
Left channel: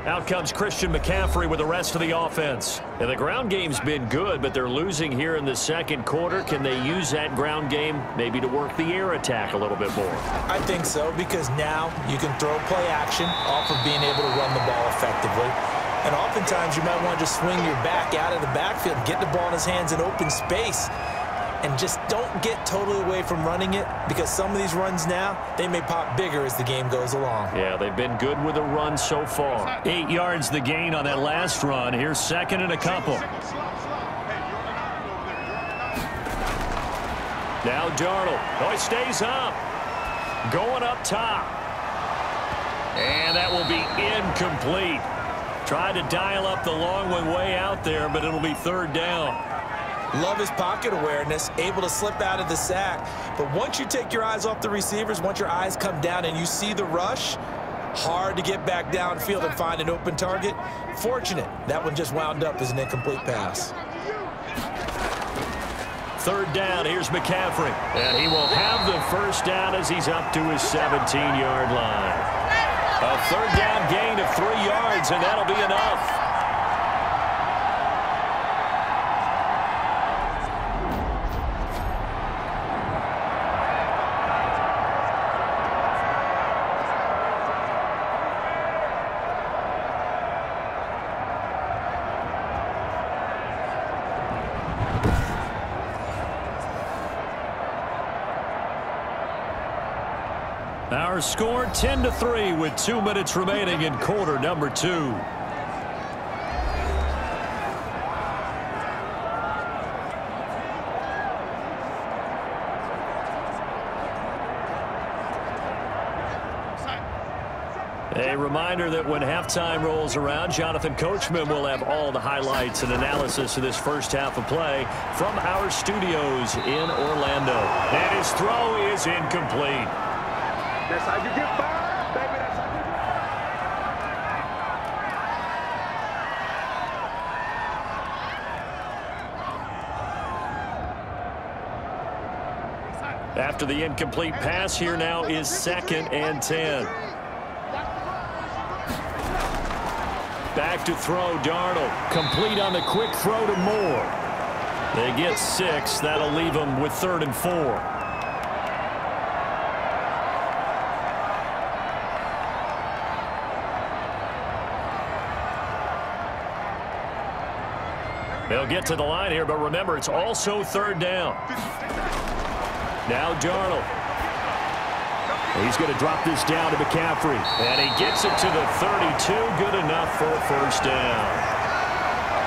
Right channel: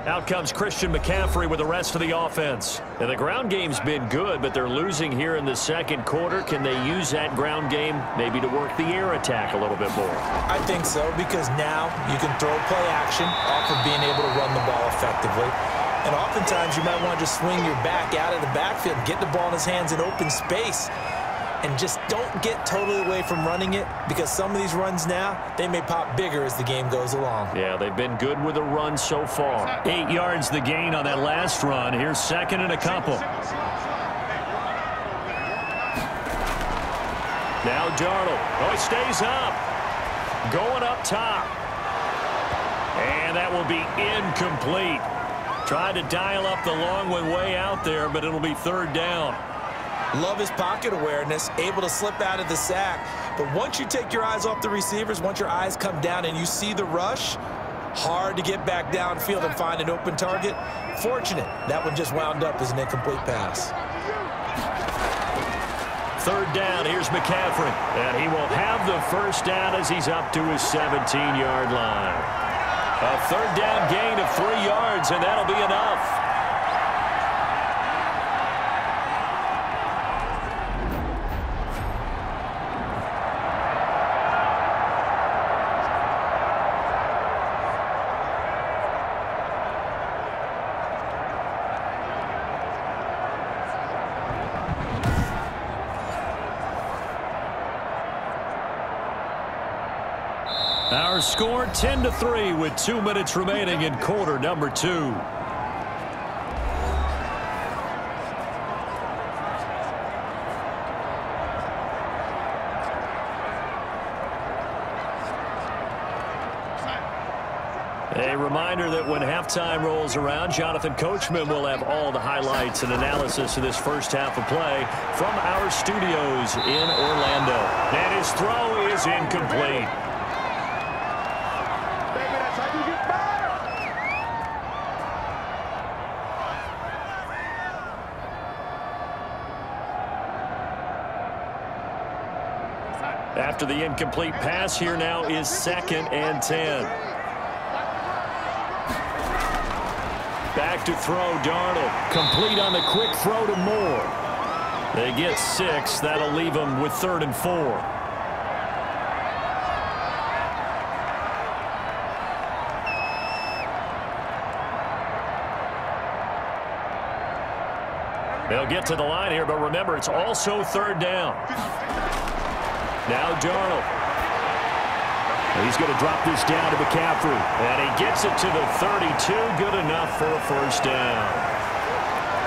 Out comes Christian McCaffrey with the rest of the offense. And the ground game's been good, but they're losing here in the second quarter. Can they use that ground game maybe to work the air attack a little bit more? I think so, because now you can throw play action off of being able to run the ball effectively. And oftentimes you might want to just swing your back out of the backfield and get the ball in his hands in open space. And just don't get totally away from running it, because some of these runs now, they may pop bigger as the game goes along. Yeah, they've been good with the run so far. 8 yards the gain on that last run. Here's 2nd and a couple. Now Darnold. Oh, he stays up. going up top. And that will be incomplete. Tried to dial up the long one way out there, but it'll be third down. Love his pocket awareness, able to slip out of the sack. But once you take your eyes off the receivers, once your eyes come down and you see the rush, hard to get back downfield and find an open target. Fortunate, that one just wound up as an incomplete pass. Third down, here's McCaffrey. And he will have the first down as he's up to his 17-yard line. A third down gain of 3 yards, and that'll be enough. Our score 10-3 with 2 minutes remaining in quarter number 2. A reminder that when halftime rolls around, Jonathan Coachman will have all the highlights and analysis of this first half of play from our studios in Orlando. And his throw is incomplete. After the incomplete pass, here now is 2nd and 10. Back to throw, Darnold. Complete on the quick throw to Moore. They get 6. That'll leave them with 3rd and 4. They'll get to the line here, but remember, it's also 3rd down. Now Darnold. He's going to drop this down to McCaffrey. And he gets it to the 32. Good enough for a first down.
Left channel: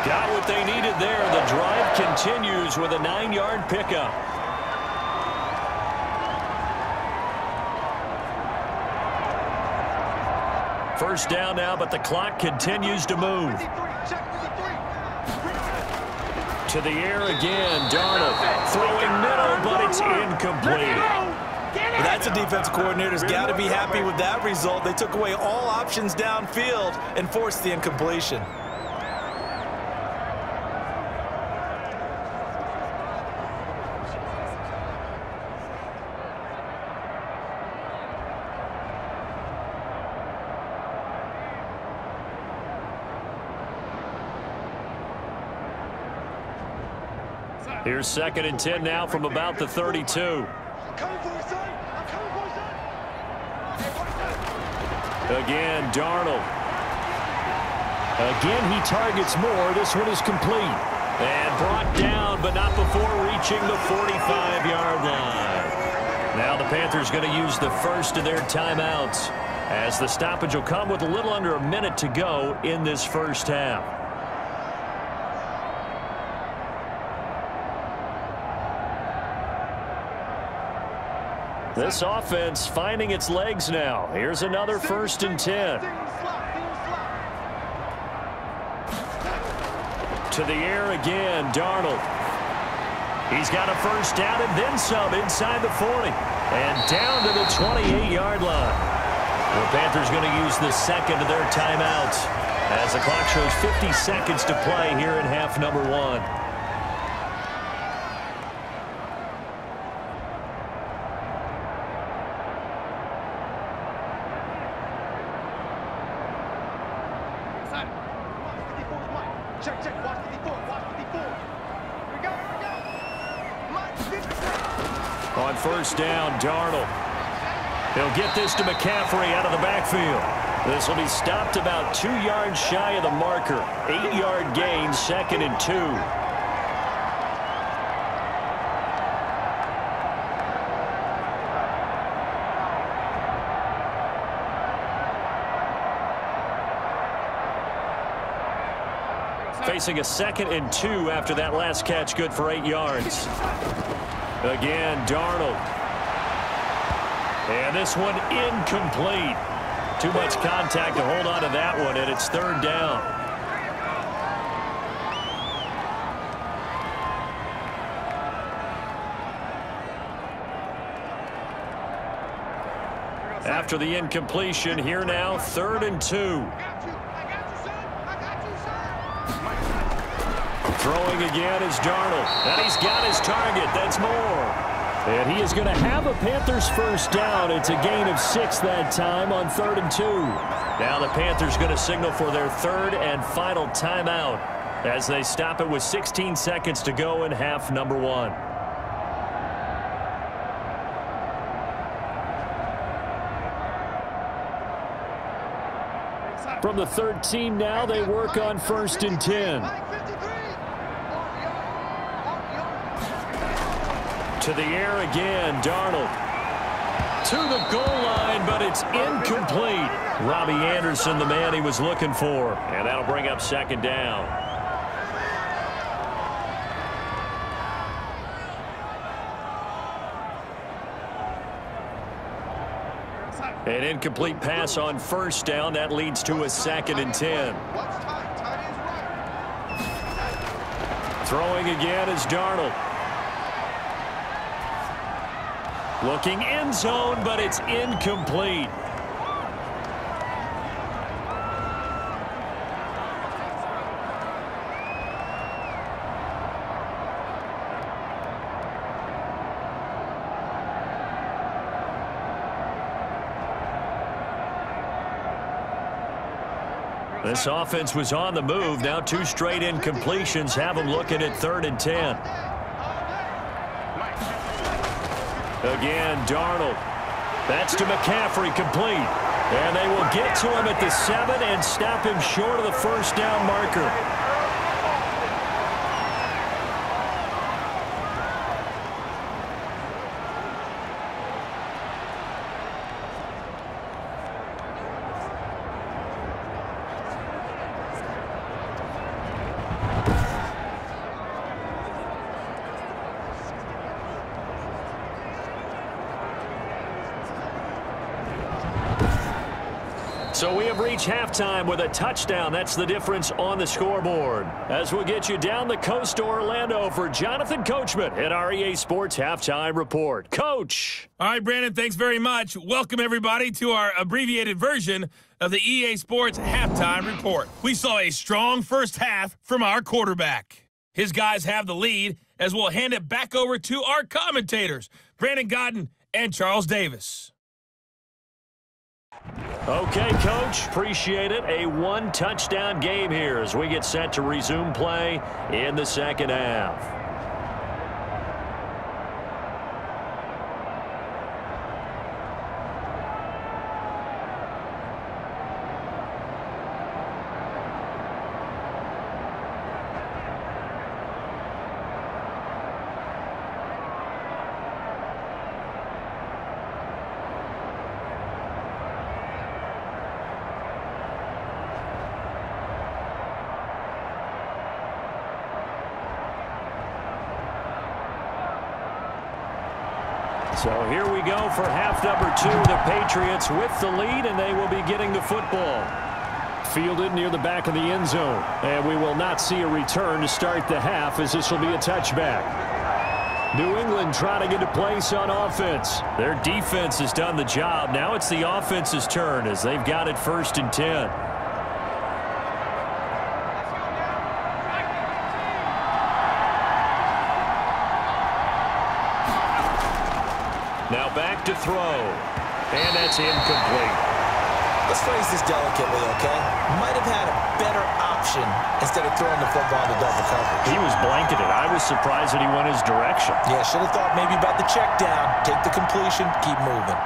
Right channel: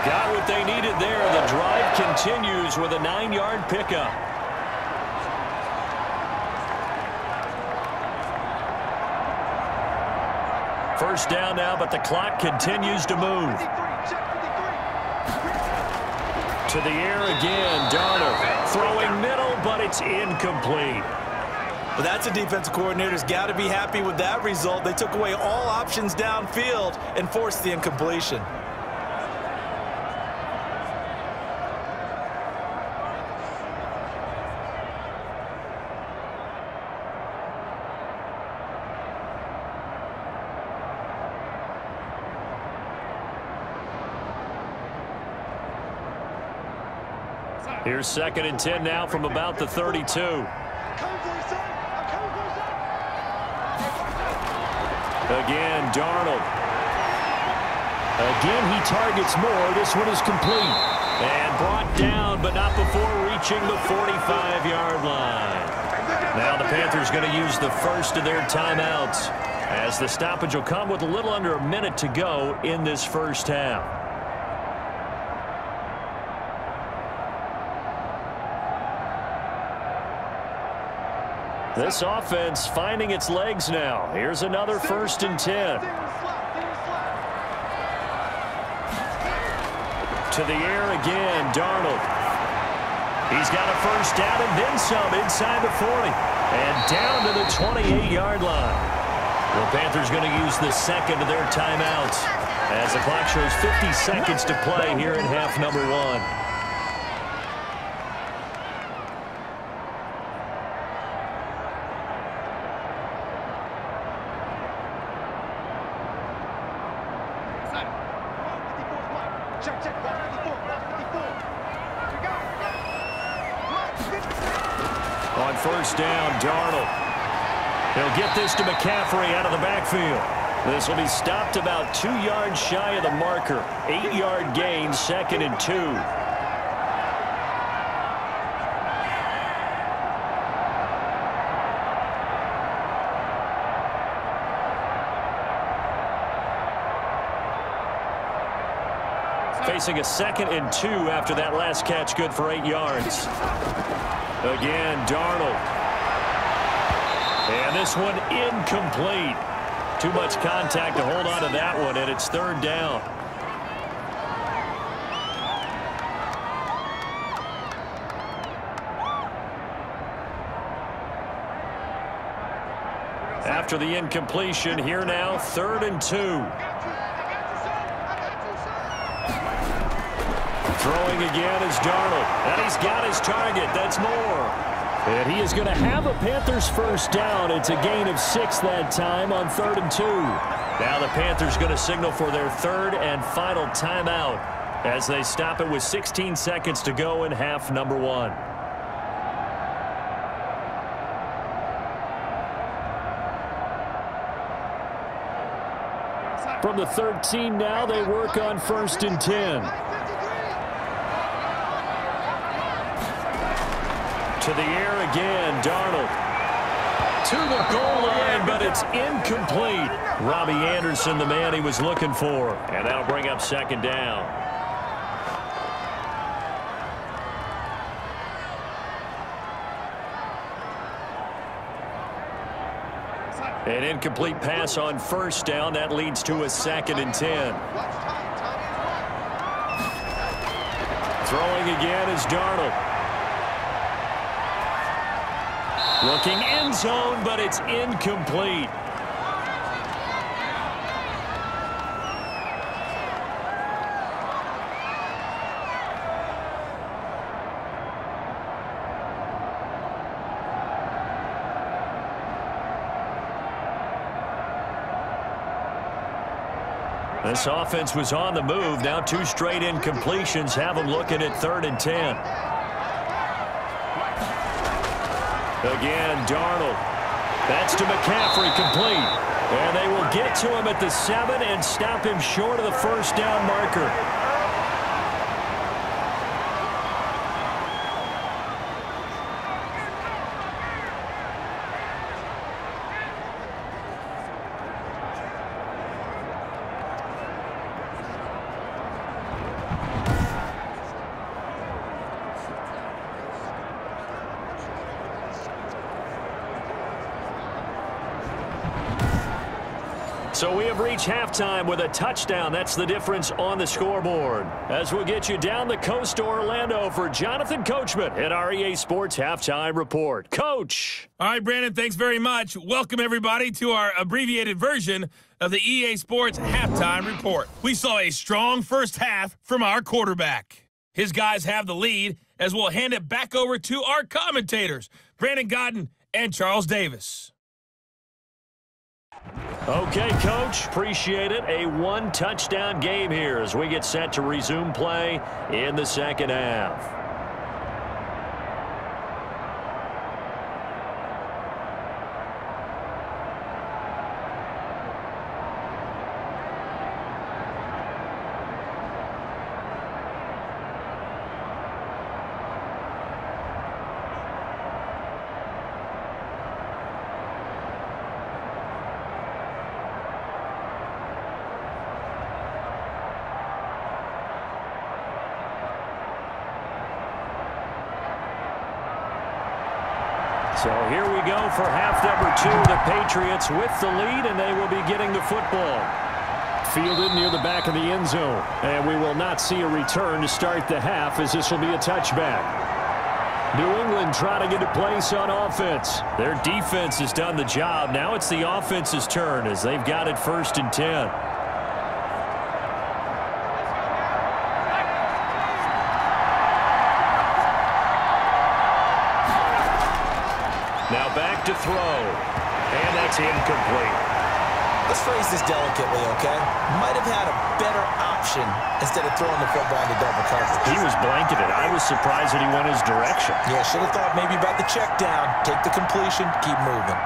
Got what they needed there. The drive continues with a 9-yard pickup. First down now, but the clock continues to move. To the air again, Darnold throwing middle, but it's incomplete. Well, that's a defensive coordinator's got to be happy with that result. They took away all options downfield and forced the incompletion. Here's 2nd and 10 now from about the 32. Again, Darnold. Again, he targets Moore. This one is complete. And brought down, but not before reaching the 45-yard line. Now the Panthers going to use the first of their timeouts, as the stoppage will come with a little under a minute to go in this first half. This offense finding its legs now. Here's another 1st and 10. To the air again, Darnold. He's got a first down and then some inside the 40. And down to the 28-yard line. The Panthers going to use the second of their timeouts as the clock shows 50 seconds to play here in half number 1. On first down, Darnold. He'll get this to McCaffrey out of the backfield. This will be stopped about 2 yards shy of the marker. 8-yard gain, 2nd and 2. Facing a 2nd and 2 after that last catch, good for 8 yards. Again, Darnold. And this one incomplete. Too much contact to hold on to that one, and it's third down. After the incompletion, here now, 3rd and 2. Throwing again is Darnold, and he's got his target. That's Moore. And he is going to have a Panthers first down. It's a gain of 6 that time on 3rd and 2. Now the Panthers going to signal for their 3rd and final timeout as they stop it with 16 seconds to go in half number 1. From the 13 now, they work on 1st and 10. To the air again, Darnold. To the goal line, but it's incomplete. Robbie Anderson, the man he was looking for. And that'll bring up 2nd down. An incomplete pass on 1st down. That leads to a 2nd and 10. Throwing again is Darnold. Looking end zone, but it's incomplete. This offense was on the move. Now 2 straight incompletions have them looking at 3rd and 10. Again, Darnold. That's to McCaffrey, complete. And they will get to him at the 7 and stop him short of the first down marker. So we have reached halftime with a touchdown. That's the difference on the scoreboard. As we'll get you down the coast to Orlando for Jonathan Coachman at our EA Sports Halftime Report. Coach. All right, Brandon, thanks very much. Welcome, everybody, to our abbreviated version of the EA Sports Halftime Report. We saw a strong first half from our quarterback. His guys have the lead as we'll hand it back over to our commentators, Brandon Godden and Charles Davis. Okay, Coach, appreciate it. A 1-touchdown game here as we get set to resume play in the second half. So here we go for half number 2. The Patriots with the lead, and they will be getting the football. Fielded near the back of the end zone. And we will not see a return to start the half as this will be a touchback. New England trying to get a place on offense. Their defense has done the job. Now it's the offense's turn as they've got it 1st and 10. Now back to throw. And that's incomplete. Let's phrase this delicately, okay? Might have had a better option instead of throwing the football into double coverage. He was blanketed. I was surprised that he went his direction. Yeah, should have thought maybe about the check down. Take the completion, keep moving.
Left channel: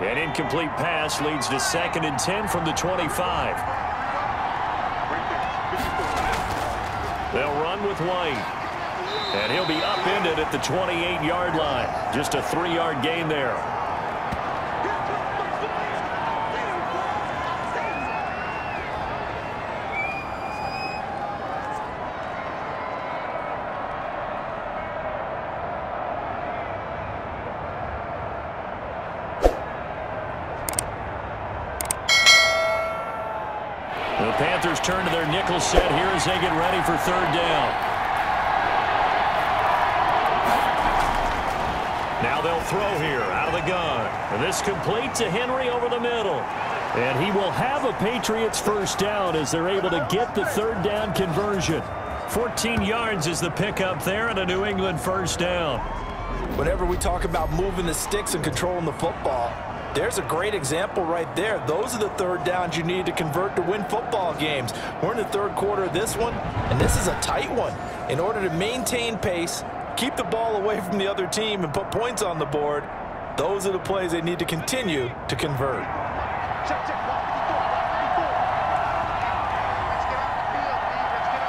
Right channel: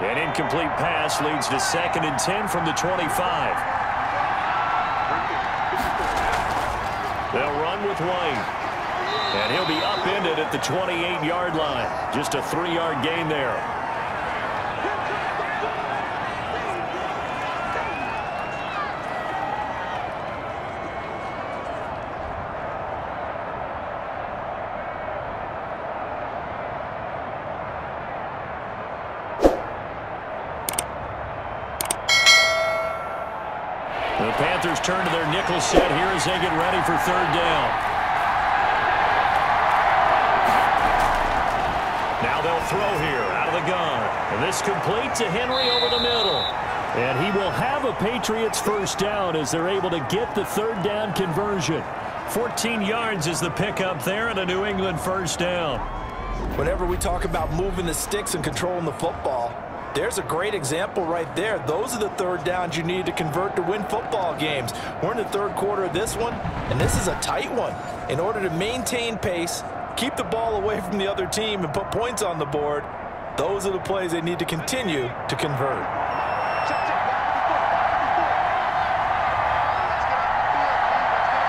An incomplete pass leads to 2nd and 10 from the 25. They'll run with White. And he'll be upended at the 28-yard line. Just a 3-yard gain there. Panthers turn to their nickel set here as they get ready for third down. Now they'll throw here out of the gun. And this complete to Henry over the middle. And he will have a Patriots first down as they're able to get the third down conversion. 14 yards is the pickup there and a New England first down. Whenever we talk about moving the sticks and controlling the football, there's a great example right there. Those are the third downs you need to convert to win football games. We're in the third quarter of this one, and this is a tight one. In order to maintain pace, keep the ball away from the other team, and put points on the board, those are the plays they need to continue to convert. Check, check. Let's get off the field, please. Let's get off.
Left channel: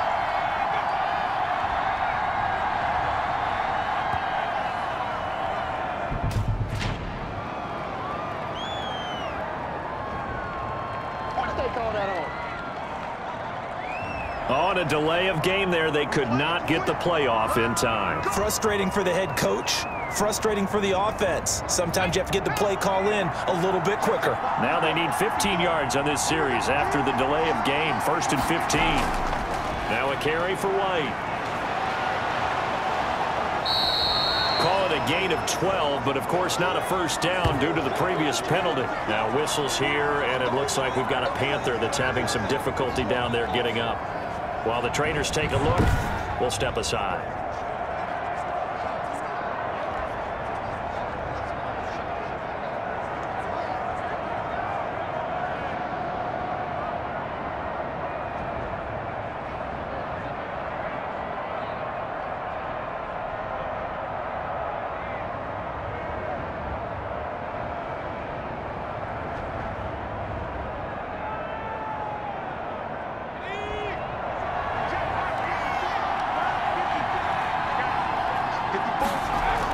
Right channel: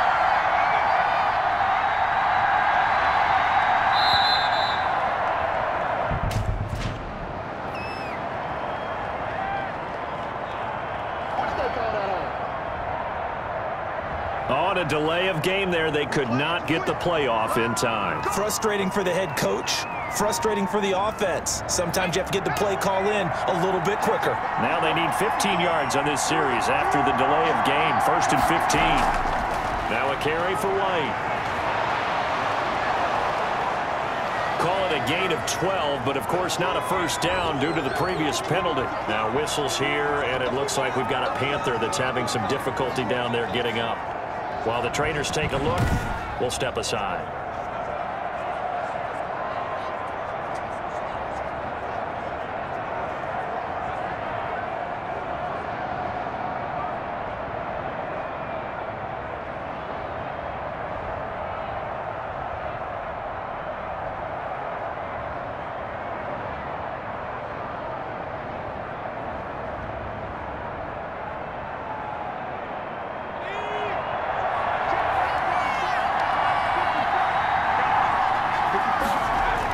What's they call that on? On a delay of game there, they could not get the playoff in time. Frustrating for the head coach. Frustrating for the offense. Sometimes you have to get the play call in a little bit quicker. Now they need 15 yards on this series after the delay of game. 1st and 15. Now a carry for White. Call it a gain of 12, but of course not a first down due to the previous penalty. Now whistles here, and it looks like we've got a Panther that's having some difficulty down there getting up. While the trainers take a look, we'll step aside.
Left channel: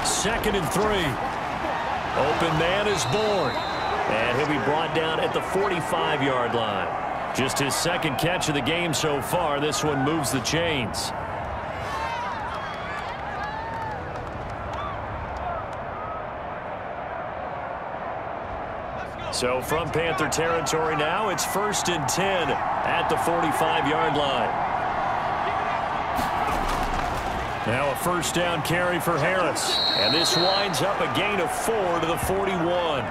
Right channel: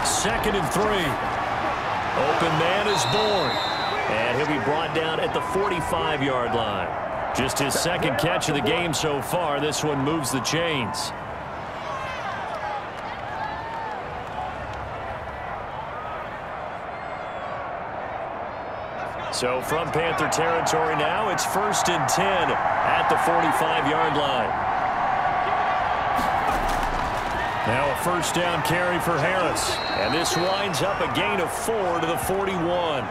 Second and 3. Open man is born. And he'll be brought down at the 45-yard line. Just his second catch of the game so far. This one moves the chains. So from Panther territory now, it's 1st and 10 at the 45-yard line. Now a first down carry for Harris. And this winds up a gain of 4 to the 41.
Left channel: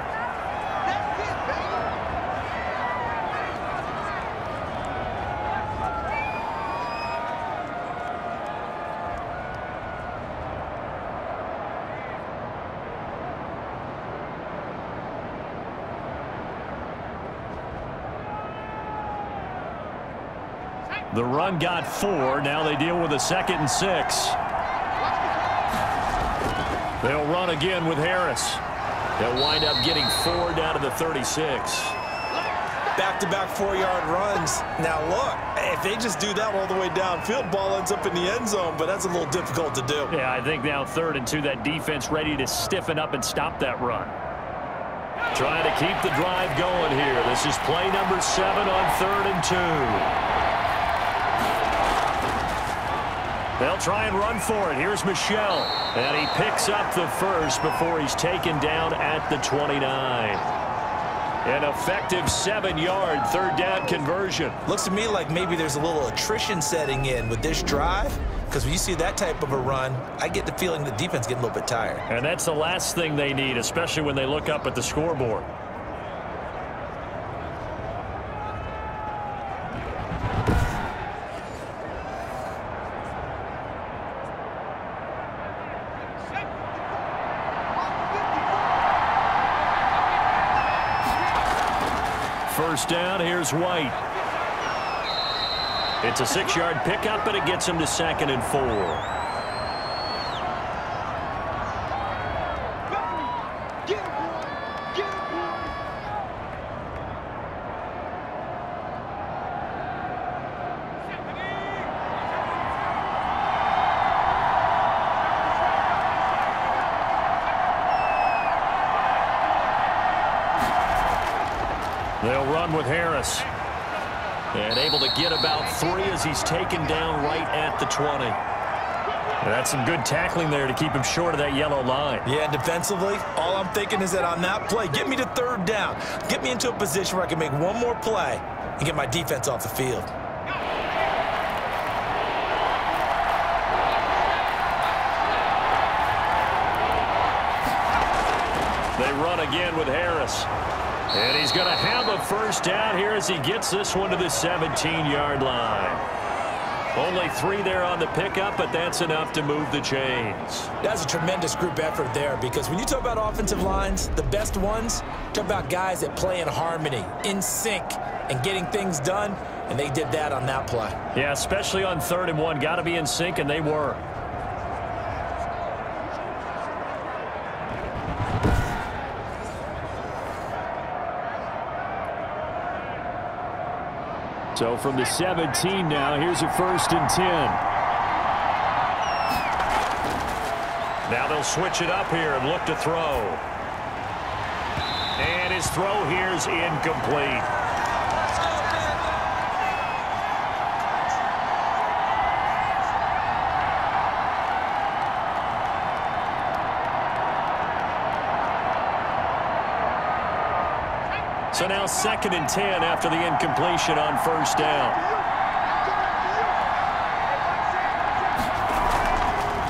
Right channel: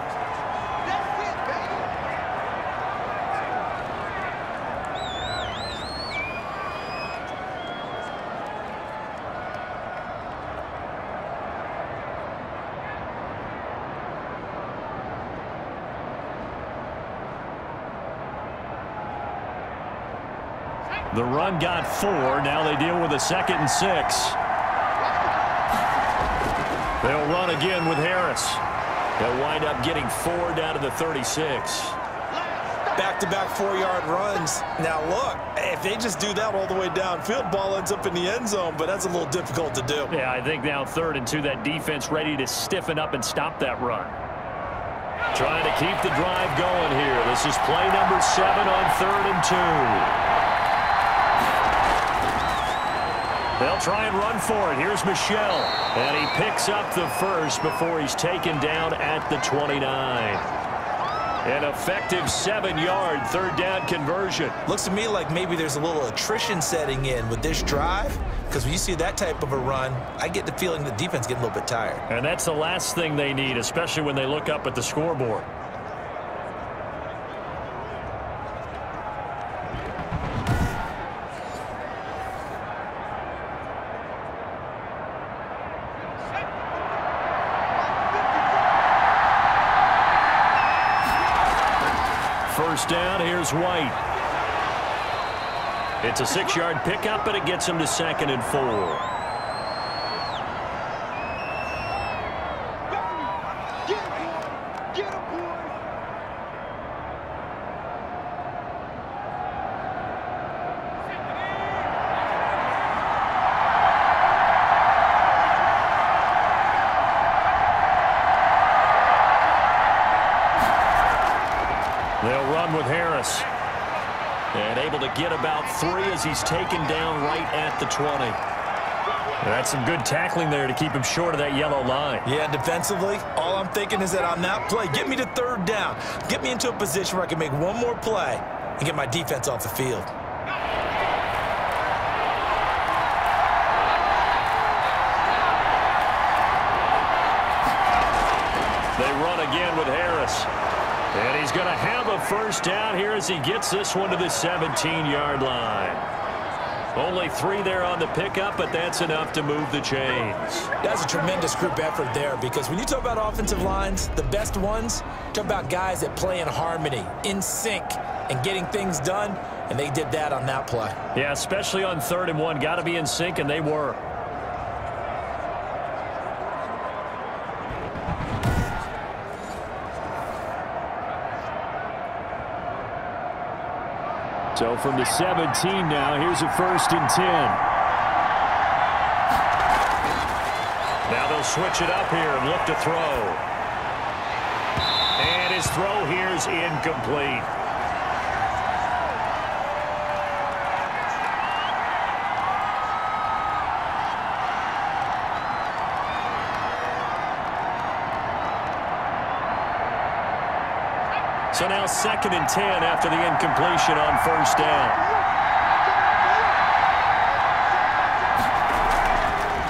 That's it, baby. The run got 4. Now they deal with a 2nd and 6. They'll run again with Harris. They'll wind up getting 4 down to the 36. Back-to-back 4-yard runs. Now look, if they just do that all the way downfield, ball ends up in the end zone, but that's a little difficult to do. Yeah, I think now 3rd and 2, that defense ready to stiffen up and stop that run. Trying to keep the drive going here. This is play number 7 on 3rd and 2. They'll try and run for it. Here's Michelle. And he picks up the first before he's taken down at the 29. An effective 7-yard 3rd down conversion. Looks to me like maybe there's a little attrition setting in with this drive, because when you see that type of a run, I get the feeling the defense getting a little bit tired. And that's the last thing they need, especially when they look up at the scoreboard. First down, here's White. It's a 6-yard pickup, but it gets him to 2nd and 4. Get him, boy. Get him, boy. They'll run with Harris. And able to get about 3 as he's taken down right at the 20. That's some good tackling there to keep him short of that yellow line. Yeah, defensively, all I'm thinking is that on that play, get me to 3rd down. Get me into a position where I can make one more play. and get my defense off the field. They run again with Harris. And he's going to have a first down here as he gets this one to the 17-yard line. Only 3 there on the pickup, but that's enough to move the chains. That's a tremendous group effort there, because when you talk about offensive lines, the best ones, talk about guys that play in harmony, in sync, and getting things done, and they did that on that play. Yeah, especially on 3rd and 1. Got to be in sync, and they were. So from the 17 now, here's a 1st and 10. Now they'll switch it up here and look to throw. And his throw here's incomplete. So now 2nd and 10 after the incompletion on 1st down.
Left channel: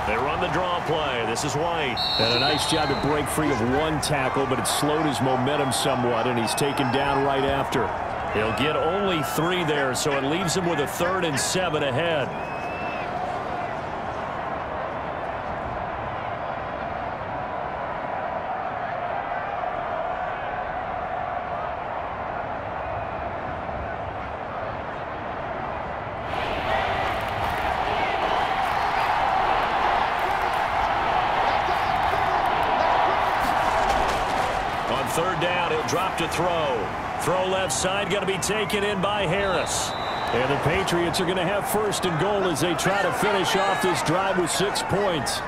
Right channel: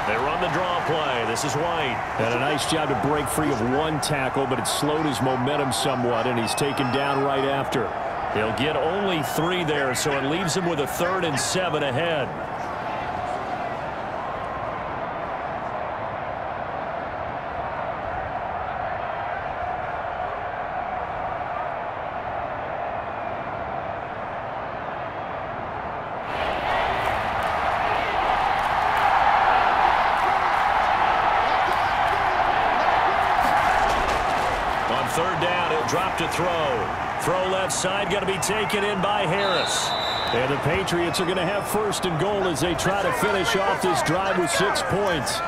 They run the draw play. This is White. And a nice job to break free of 1 tackle, but it slowed his momentum somewhat, and he's taken down right after. He'll get only 3 there, so it leaves him with a 3rd and 7 ahead. On 3rd down, he'll drop to throw. Throw left side, going to be taken in by Harris. And the Patriots are going to have 1st and goal as they try to finish off this drive with 6 points.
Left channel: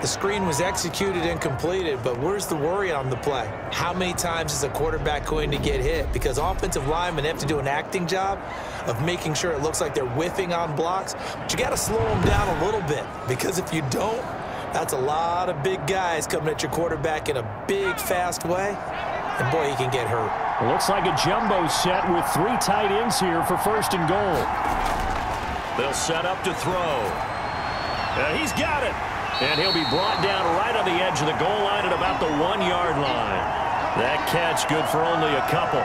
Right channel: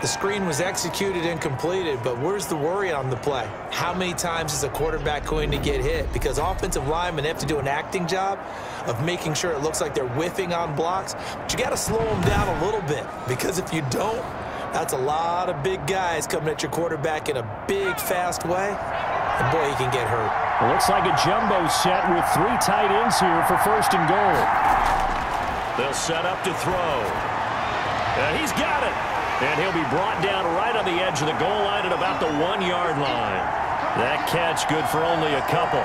The screen was executed and completed, but where's the worry on the play? How many times is a quarterback going to get hit? Because offensive linemen have to do an acting job of making sure it looks like they're whiffing on blocks. But you got to slow them down a little bit, because if you don't, that's a lot of big guys coming at your quarterback in a big, fast way. And, boy, he can get hurt. It looks like a jumbo set with 3 tight ends here for 1st and goal. They'll set up to throw. He's got it. And he'll be brought down right on the edge of the goal line at about the 1-yard line. That catch good for only a couple.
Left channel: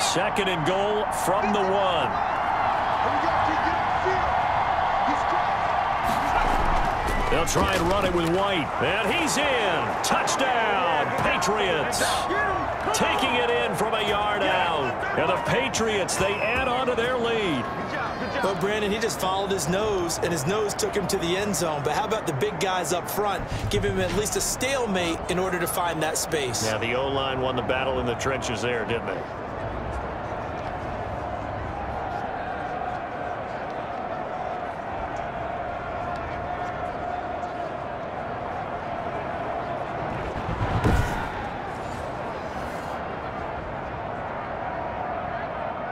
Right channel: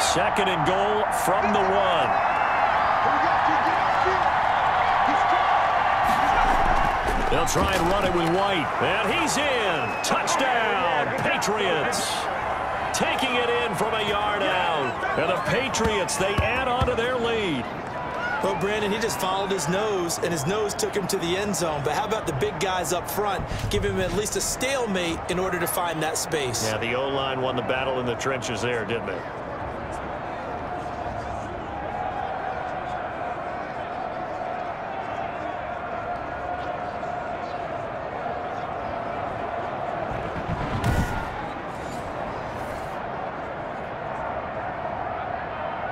Second and goal from the 1. They'll try and run it with White. And he's in. Touchdown, Patriots. Taking it in from a yard out. And the Patriots, they add on to their lead. Well, Brandon, he just followed his nose, and his nose took him to the end zone. But how about the big guys up front? Give him at least a stalemate in order to find that space. Yeah, the O-line won the battle in the trenches there, didn't they?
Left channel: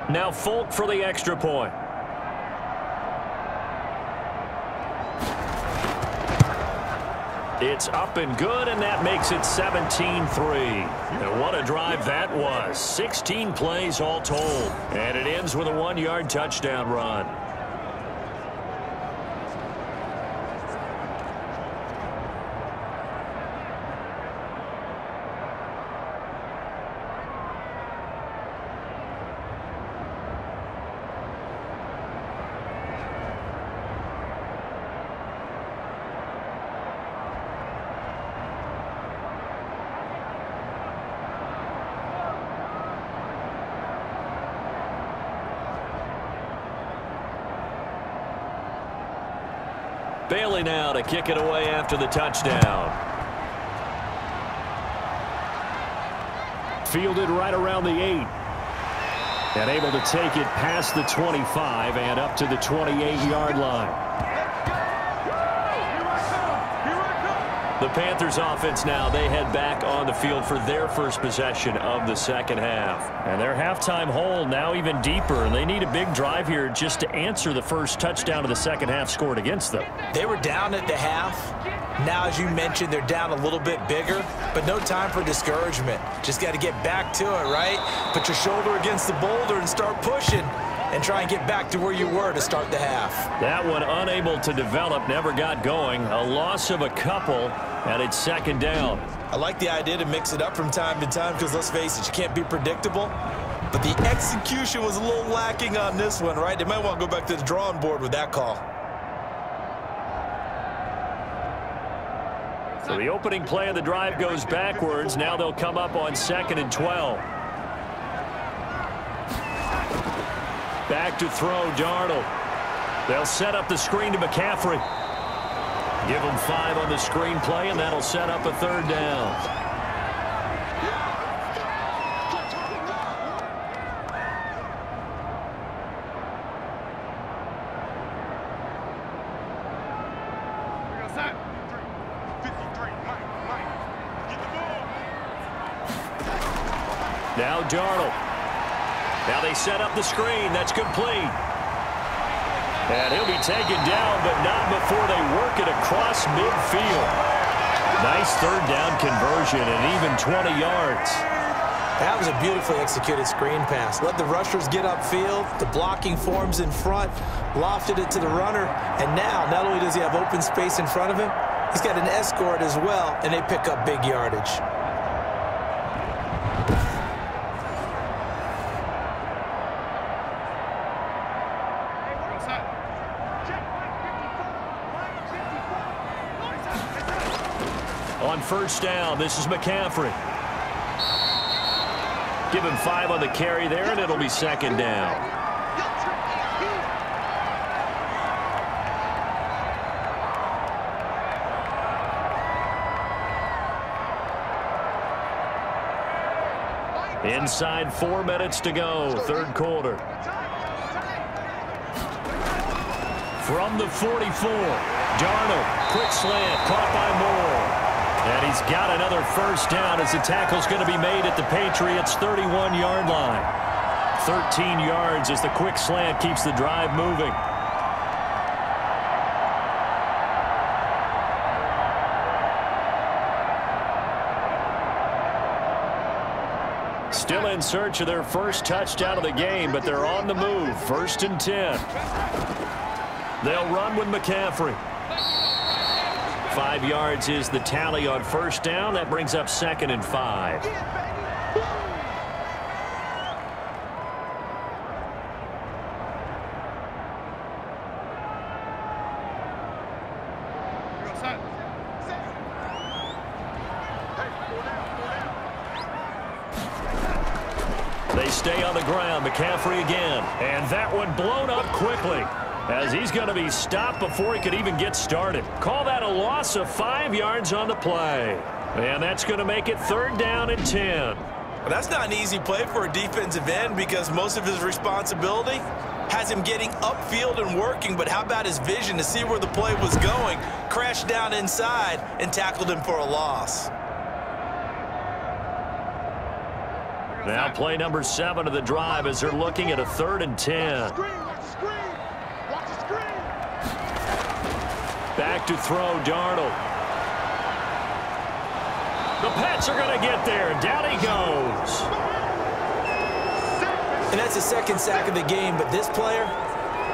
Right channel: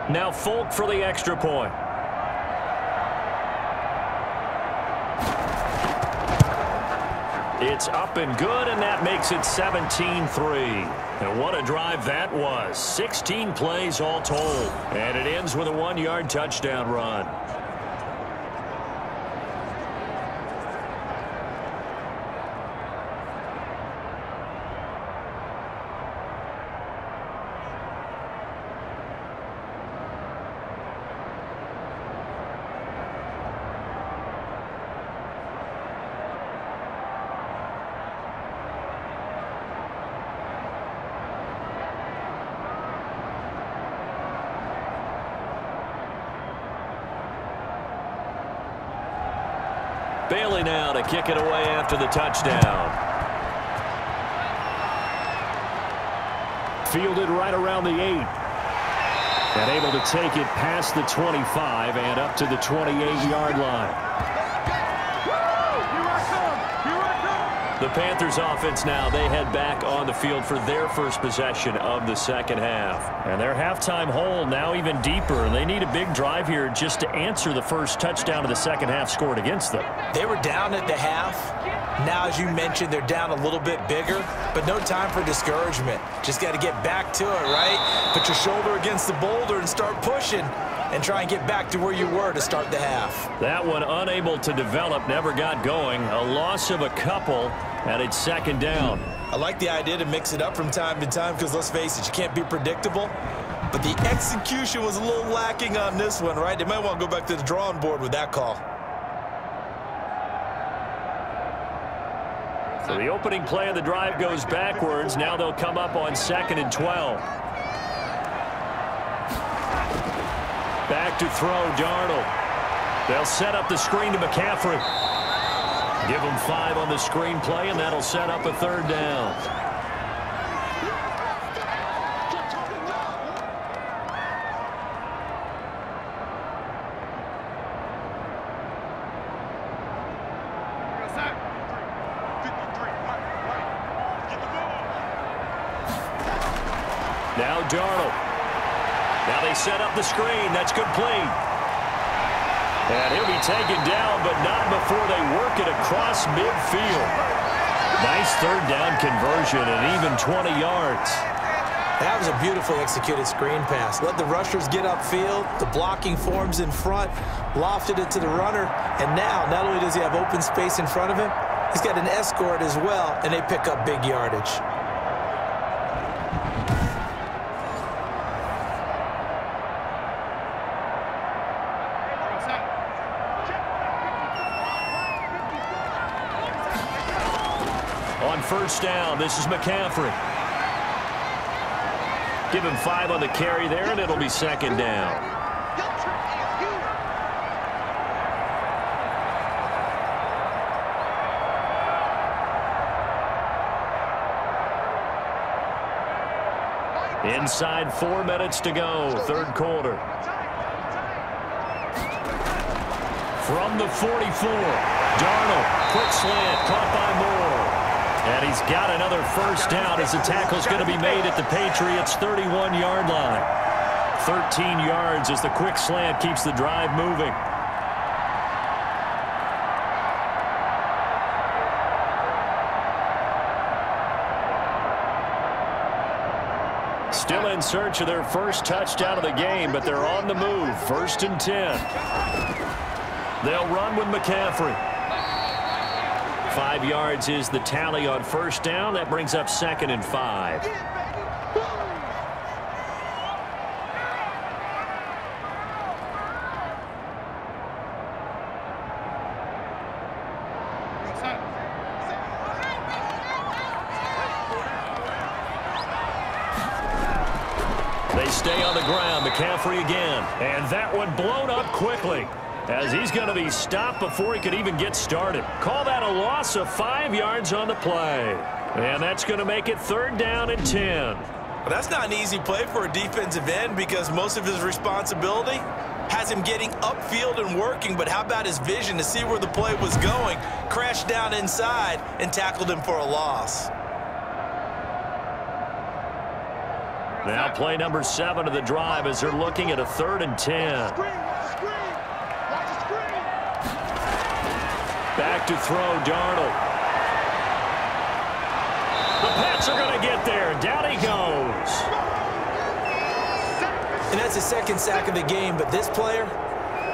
Now Folk for the extra point. It's up and good, and that makes it 17-3. And what a drive that was. 16 plays all told. And it ends with a 1-yard touchdown run. Bailey now to kick it away after the touchdown. Fielded right around the 8. And able to take it past the 25 and up to the 28-yard line. The Panthers offense now, they head back on the field for their first possession of the second half. And their halftime hole now even deeper, and they need a big drive here just to answer the first touchdown of the second half scored against them. They were down at the half. Now, as you mentioned, they're down a little bit bigger, but no time for discouragement. Just got to get back to it, right? Put your shoulder against the boulder and start pushing, and try and get back to where you were to start the half. That one unable to develop, never got going. A loss of a couple, and it's second down. I like the idea to mix it up from time to time because, let's face it, you can't be predictable. But the execution was a little lacking on this one, right? They might want to go back to the drawing board with that call. So the opening play of the drive goes backwards. Now they'll come up on 2nd and 12. Back to throw, Darnold. They'll set up the screen to McCaffrey. Give him 5 on the screen play, and that'll set up a third down. Now Darnold. Now they set up the screen. That's complete. And he'll be taken down, but not before they work it across midfield. Nice third down conversion and even 20 yards. That was a beautifully executed screen pass. Let the rushers get upfield. The blocking forms in front. Lofted it to the runner. And now, not only does he have open space in front of him, he's got an escort as well, and they pick up big yardage. On first down, this is McCaffrey. Give him 5 on the carry there, and it'll be second down. Inside 4 minutes to go, third quarter. From the 44, Darnold, quick slant, caught by Moore. And he's got another first down as the tackle's going to be made at the Patriots' 31-yard line. 13 yards as the quick slant keeps the drive moving. Still in search of their first touchdown of the game, but they're on the move. 1st and 10. They'll run with McCaffrey. 5 yards is the tally on first down. That brings up 2nd and 5. They stay on the ground. McCaffrey again. And that one blown up quickly, as he's going to be stopped before he could even get started. Call that a loss of 5 yards on the play. And that's going to make it 3rd down and 10. Well, that's not an easy play for a defensive end because most of his responsibility has him getting upfield and working. But how about his vision to see where the play was going? Crashed down inside and tackled him for a loss. Now play number 7 of the drive as they're looking at a 3rd and 10. Back to throw, Darnold. The Pats are going to get there. Down he goes. And that's his 2nd sack of the game, but this player,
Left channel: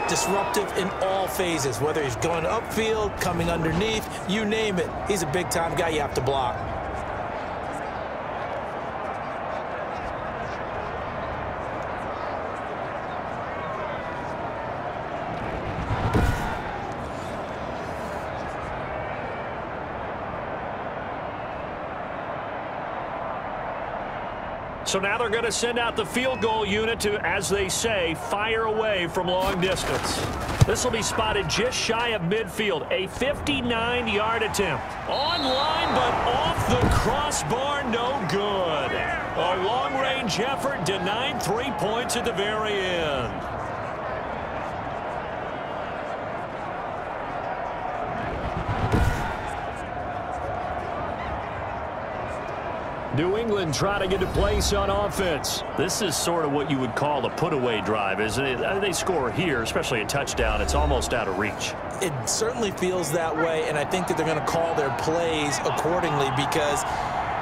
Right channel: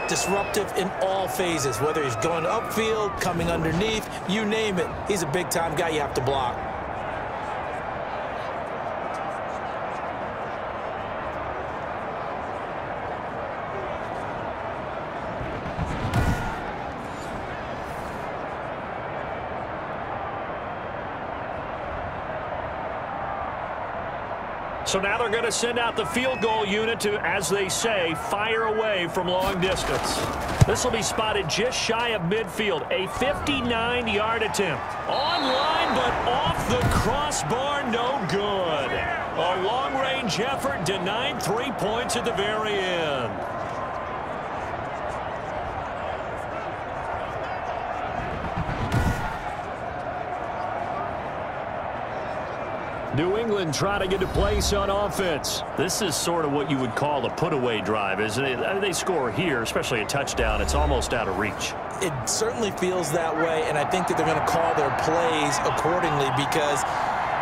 disruptive in all phases, whether he's going upfield, coming underneath, you name it. He's a big-time guy you have to block. So now they're going to send out the field goal unit to, as they say, fire away from long distance. This will be spotted just shy of midfield. A 59-yard attempt. On line, but off the crossbar, no good. A long-range effort denied 3 points at the very end. New England trying to get a place on offense. This is sort of what you would call a put-away drive, isn't it? They score here, especially a touchdown. It's almost out of reach. It certainly feels that way, and I think that they're going to call their plays accordingly, because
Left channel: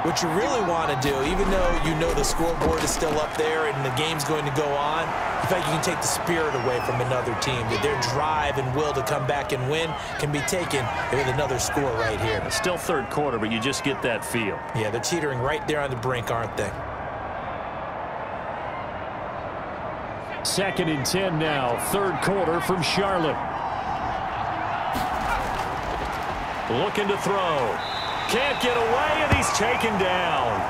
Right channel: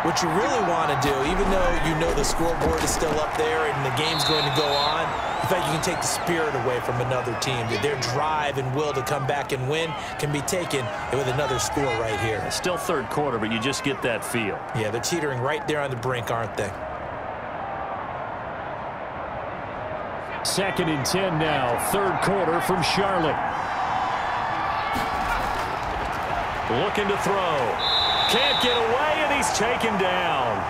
what you really want to do, even though you know the scoreboard is still up there and the game's going to go on, in fact, you can take the spirit away from another team. That their drive and will to come back and win can be taken with another score right here. It's still third quarter, but you just get that feel. Yeah, they're teetering right there on the brink, aren't they? 2nd and 10 now, third quarter from Charlotte. Looking to throw. Can't get away, and he's taken down.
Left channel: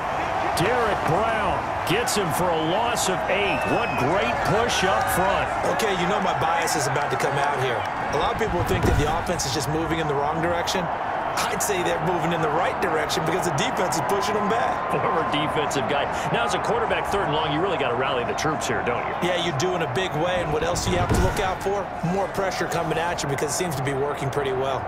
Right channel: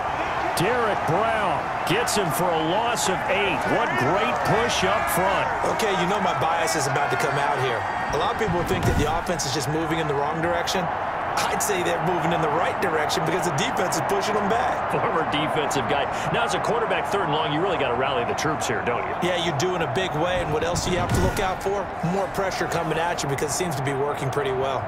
Derek Brown gets him for a loss of 8. What great push up front. Okay, you know my bias is about to come out here. A lot of people think that the offense is just moving in the wrong direction. I'd say they're moving in the right direction because the defense is pushing them back. Former defensive guy. Now, as a quarterback, 3rd and long, you really got to rally the troops here, don't you? Yeah, you do in a big way, and what else do you have to look out for? More pressure coming at you, because it seems to be working pretty well.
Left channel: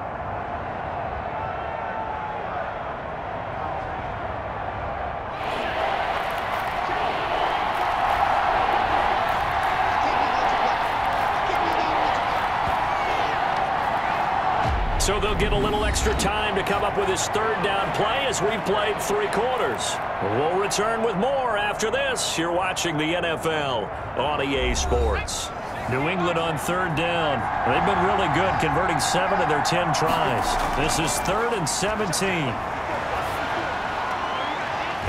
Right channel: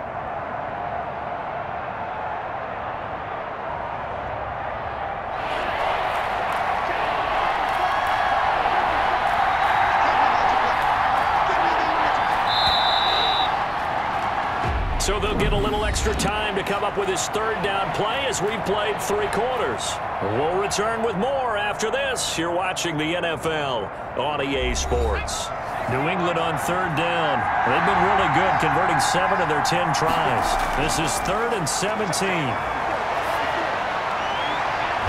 So they'll get a little extra time to come up with his 3rd down play as we've played 3 quarters. We'll return with more after this. You're watching the NFL on EA Sports. New England on 3rd down. They've been really good, converting 7 of their 10 tries. This is 3rd and 17.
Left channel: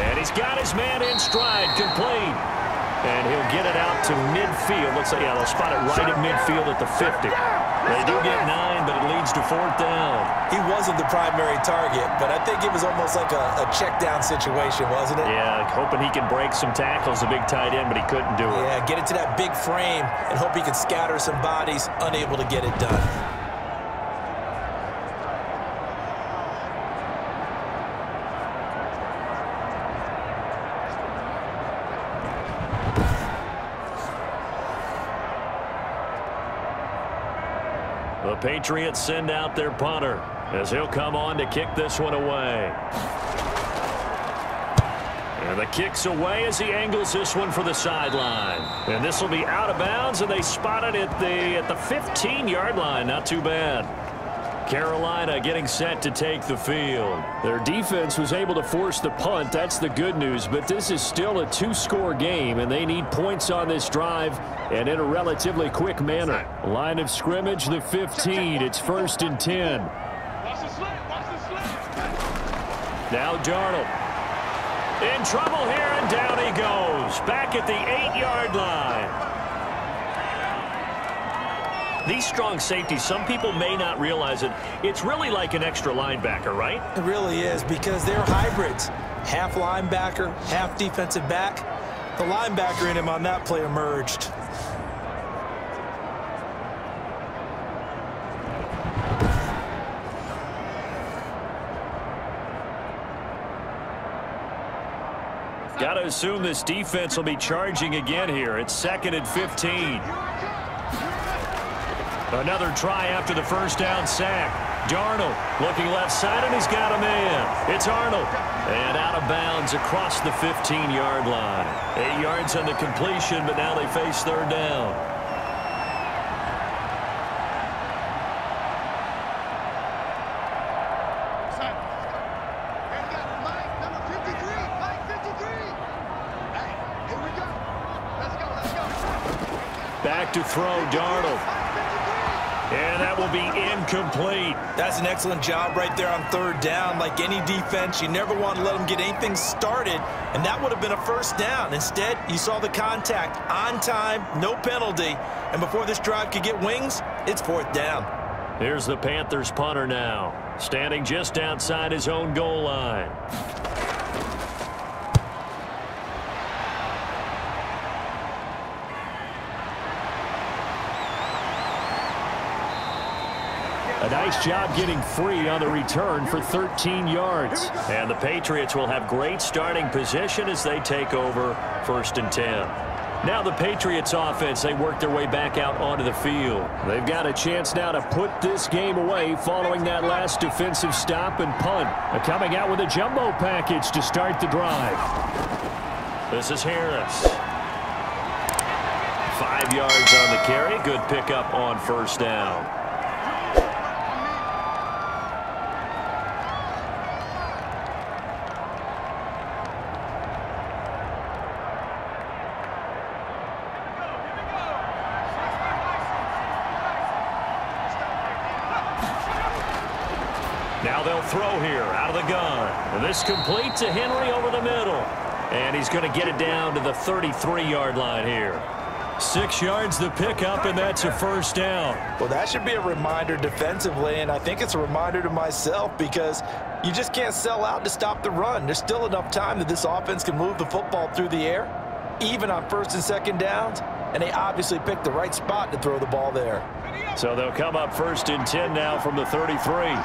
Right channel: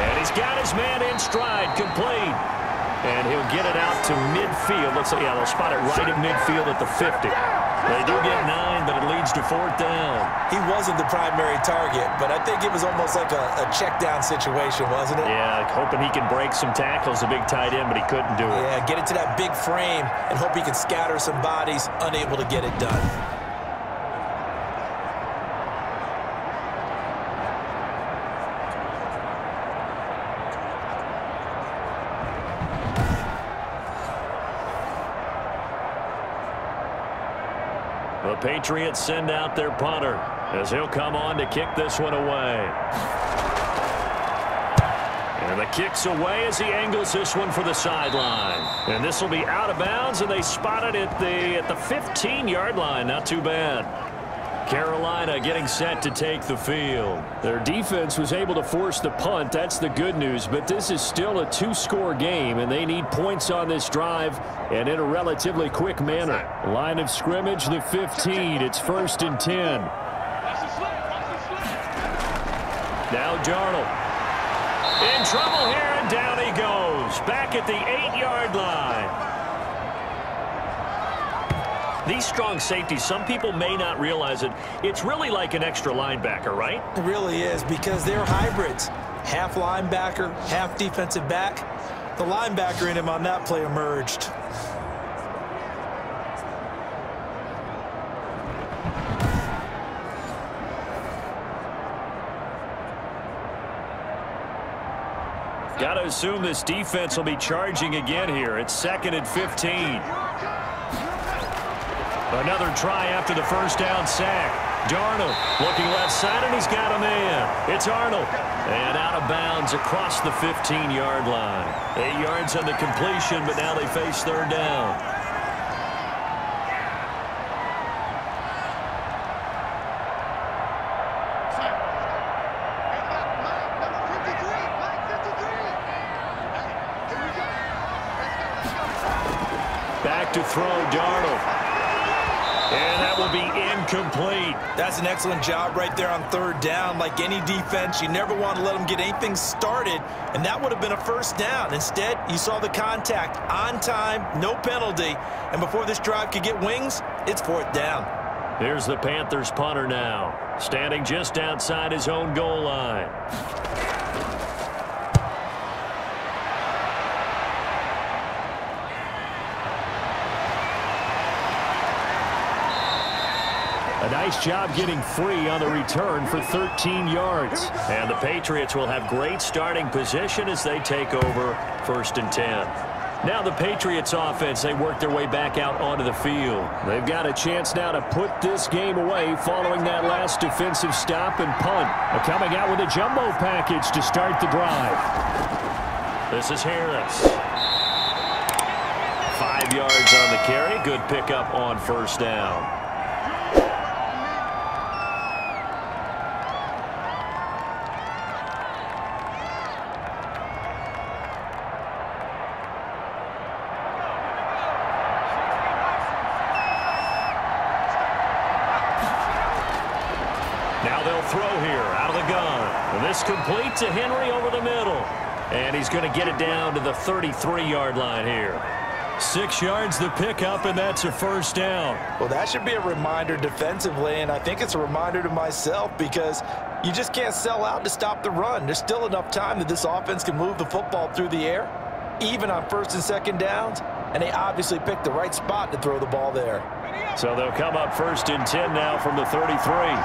And he's got his man in stride, complete. And he'll get it out to midfield. Let's say, yeah, they'll spot it right at midfield at the 50. They do get 9, but it leads to 4th down. He wasn't the primary target, but I think it was almost like a check down situation, wasn't it? Yeah, hoping he can break some tackles, a big tight end, but he couldn't do it. Yeah, get it to that big frame and hope he can scatter some bodies, unable to get it done. The Patriots send out their punter as he'll come on to kick this one away. And the kick's away as he angles this one for the sideline. And this will be out of bounds, and they spot it at the 15-yard line. Not too bad. Carolina getting set to take the field. Their defense was able to force the punt. That's the good news. But this is still a 2-score game, and they need points on this drive and in a relatively quick manner. Line of scrimmage, the 15. It's 1st and 10. Now Darnold. In trouble here, and down he goes. Back at the 8-yard line. These strong safeties, some people may not realize it. It's really like an extra linebacker, right? It really is, because they're hybrids. Half linebacker, half defensive back. The linebacker in him on that play emerged. Got to assume this defense will be charging again here. It's 2nd and 15. Another try after the 1st down sack. Darnold looking left side, and he's got a man. It's Arnold. And out of bounds across the 15-yard line. 8 yards on the completion, but now they face 3rd down. Back to throw, Darnold. And that will be incomplete. That's an excellent job right there on 3rd down. Like any defense, you never want to let them get anything started, and that would have been a 1st down. Instead, you saw the contact on time, no penalty, and before this drive could get wings, it's 4th down. Here's the Panthers punter now, standing just outside his own goal line. A nice job getting free on the return for 13 yards. And the Patriots will have great starting position as they take over 1st and 10. Now the Patriots offense, they work their way back out onto the field. They've got a chance now to put this game away following that last defensive stop and punt. They're coming out with a jumbo package to start the drive. This is Harris. 5 yards on the carry. Good pickup on first down. Now they'll throw here out of the gun. And this complete to Henry over the middle. And he's going to get it down to the 33-yard line here. 6 yards the pickup, and that's a first down. Well, that should be a reminder defensively, and I think it's a reminder to myself because you just can't sell out to stop the run. There's still enough time that this offense can move the football through the air, even on first and second downs, and they obviously picked the right spot to throw the ball there. So they'll come up first and 10 now from the 33.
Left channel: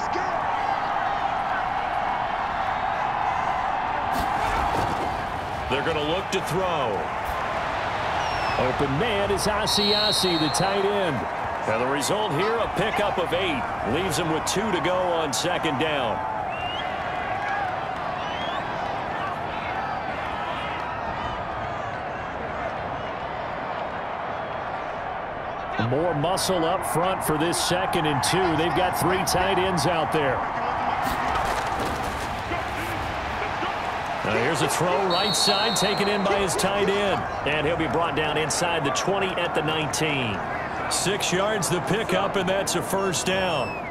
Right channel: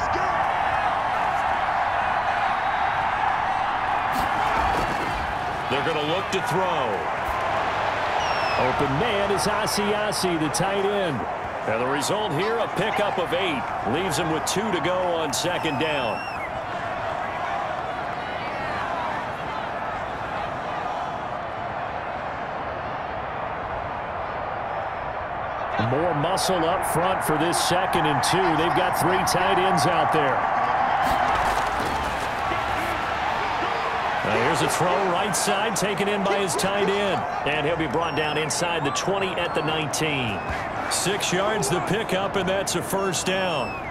They're going to look to throw. Open man is ASUS, the tight end. And the result here, a pickup of 8. Leaves him with 2 to go on second down. More muscle up front for this 2nd and 2. They've got 3 tight ends out there. Here's a throw right side taken in by his tight end. And he'll be brought down inside the 20 at the 19. 6 yards the pickup, and that's a first down.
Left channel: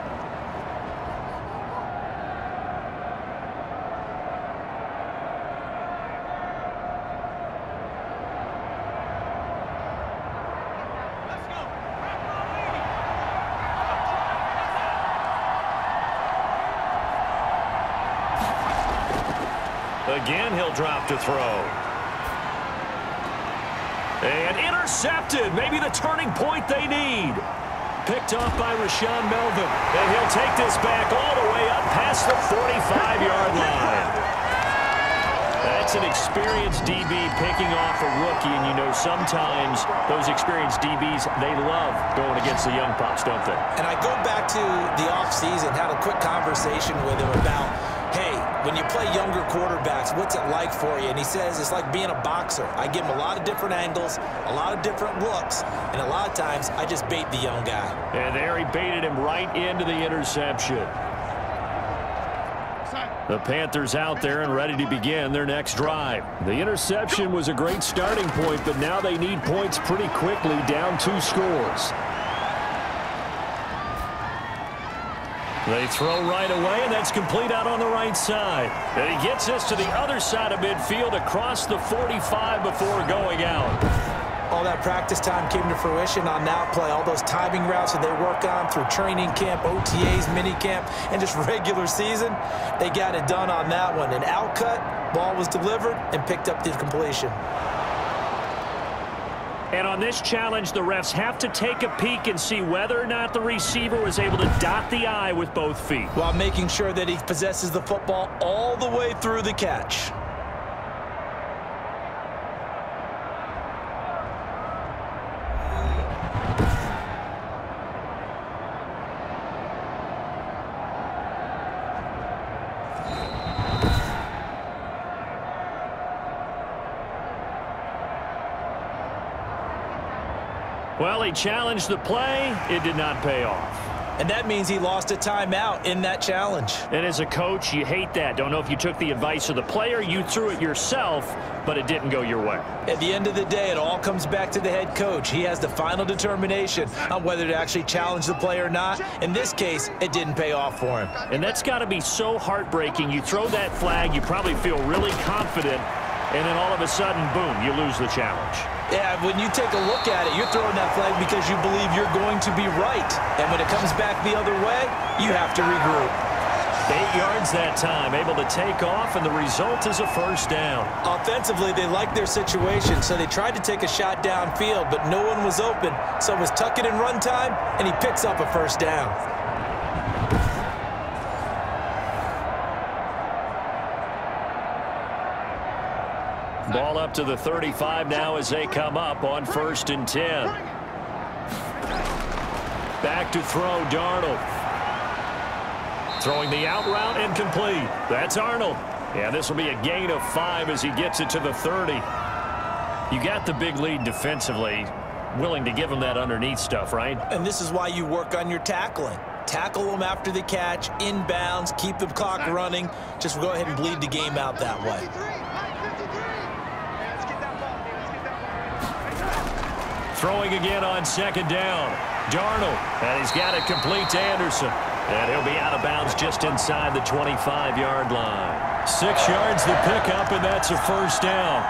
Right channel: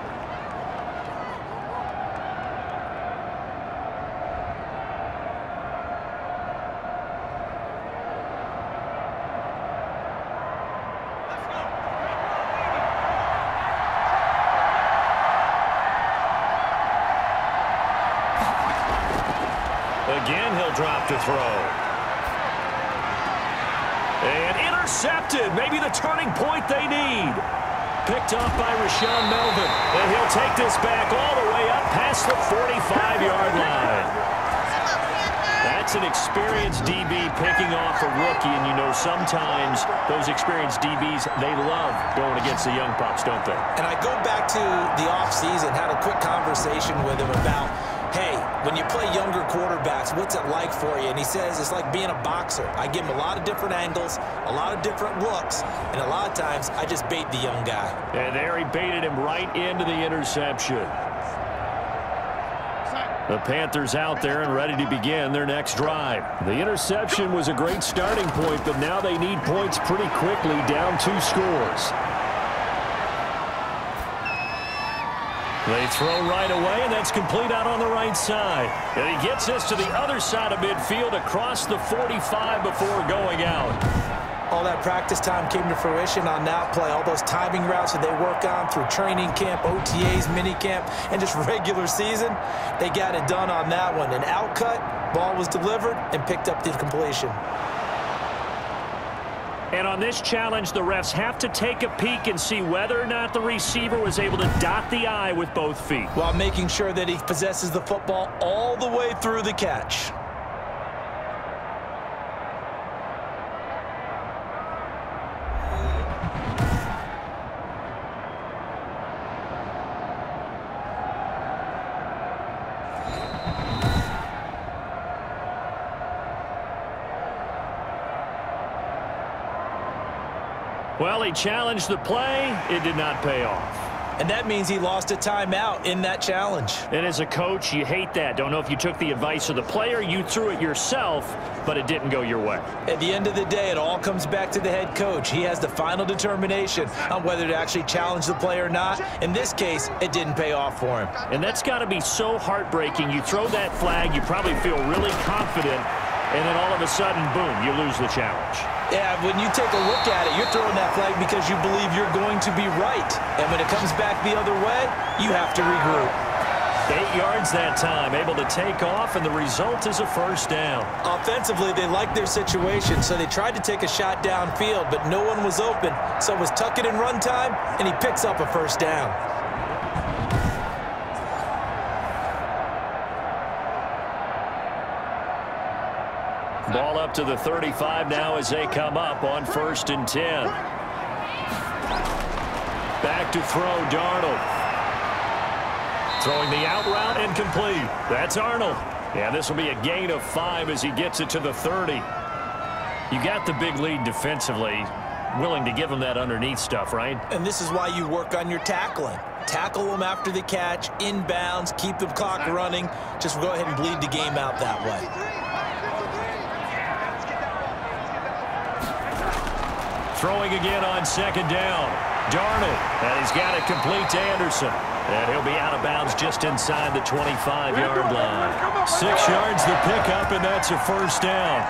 Again, he'll drop to throw. And intercepted. Maybe the turning point they need. Picked off by Rashawn Melvin. And he'll take this back all the way up past the 45-yard line. That's an experienced DB picking off a rookie, and you know sometimes those experienced DBs, they love going against the young pups, don't they? And I go back to the offseason, had a quick conversation with him about, hey, when you play younger quarterbacks, what's it like for you? And he says it's like being a boxer. I give him a lot of different angles, a lot of different looks, and a lot of times I just bait the young guy. And there he baited him right into the interception. The Panthers out there and ready to begin their next drive. The interception was a great starting point, but now they need points pretty quickly, down 2 scores. They throw right away, and that's complete out on the right side. And he gets this to the other side of midfield across the 45 before going out. All that practice time came to fruition on that play. All those timing routes that they work on through training camp, OTAs, minicamp, and just regular season, they got it done on that one. An outcut, ball was delivered, and picked up the completion. And on this challenge, the refs have to take a peek and see whether or not the receiver was able to dot the I with both feet, while making sure that he possesses the football all the way through the catch. Well, he challenged the play. It did not pay off. And that means he lost a timeout in that challenge. And as a coach, you hate that. Don't know if you took the advice of the player, you threw it yourself, but it didn't go your way. At the end of the day, it all comes back to the head coach. He has the final determination on whether to actually challenge the play or not. In this case, it didn't pay off for him. And that's got to be so heartbreaking. You throw that flag, you probably feel really confident, and then all of a sudden, boom, you lose the challenge. Yeah, when you take a look at it, you're throwing that flag because you believe you're going to be right. And when it comes back the other way, you have to regroup. 8 yards that time, able to take off, and the result is a first down. Offensively, they liked their situation, so they tried to take a shot downfield, but no one was open. So it was tuck it in run time, and he picks up a first down. Ball up to the 35 now as they come up on 1st and 10. Back to throw, Darnold. Throwing the out route and complete. That's Arnold. Yeah, this will be a gain of 5 as he gets it to the 30. You got the big lead defensively. Willing to give him that underneath stuff, right? And this is why you work on your tackling. Tackle them after the catch, inbounds, keep the clock running. Just go ahead and bleed the game out that way. Throwing again on 2nd down. Darnold, and he's got it complete to Anderson. And he'll be out of bounds just inside the 25-yard line. 6 yards the pickup, and that's a 1st down.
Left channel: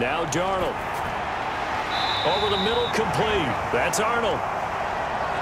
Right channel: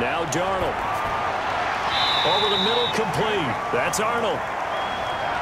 Now Darnold. Over the middle, complete. That's Arnold.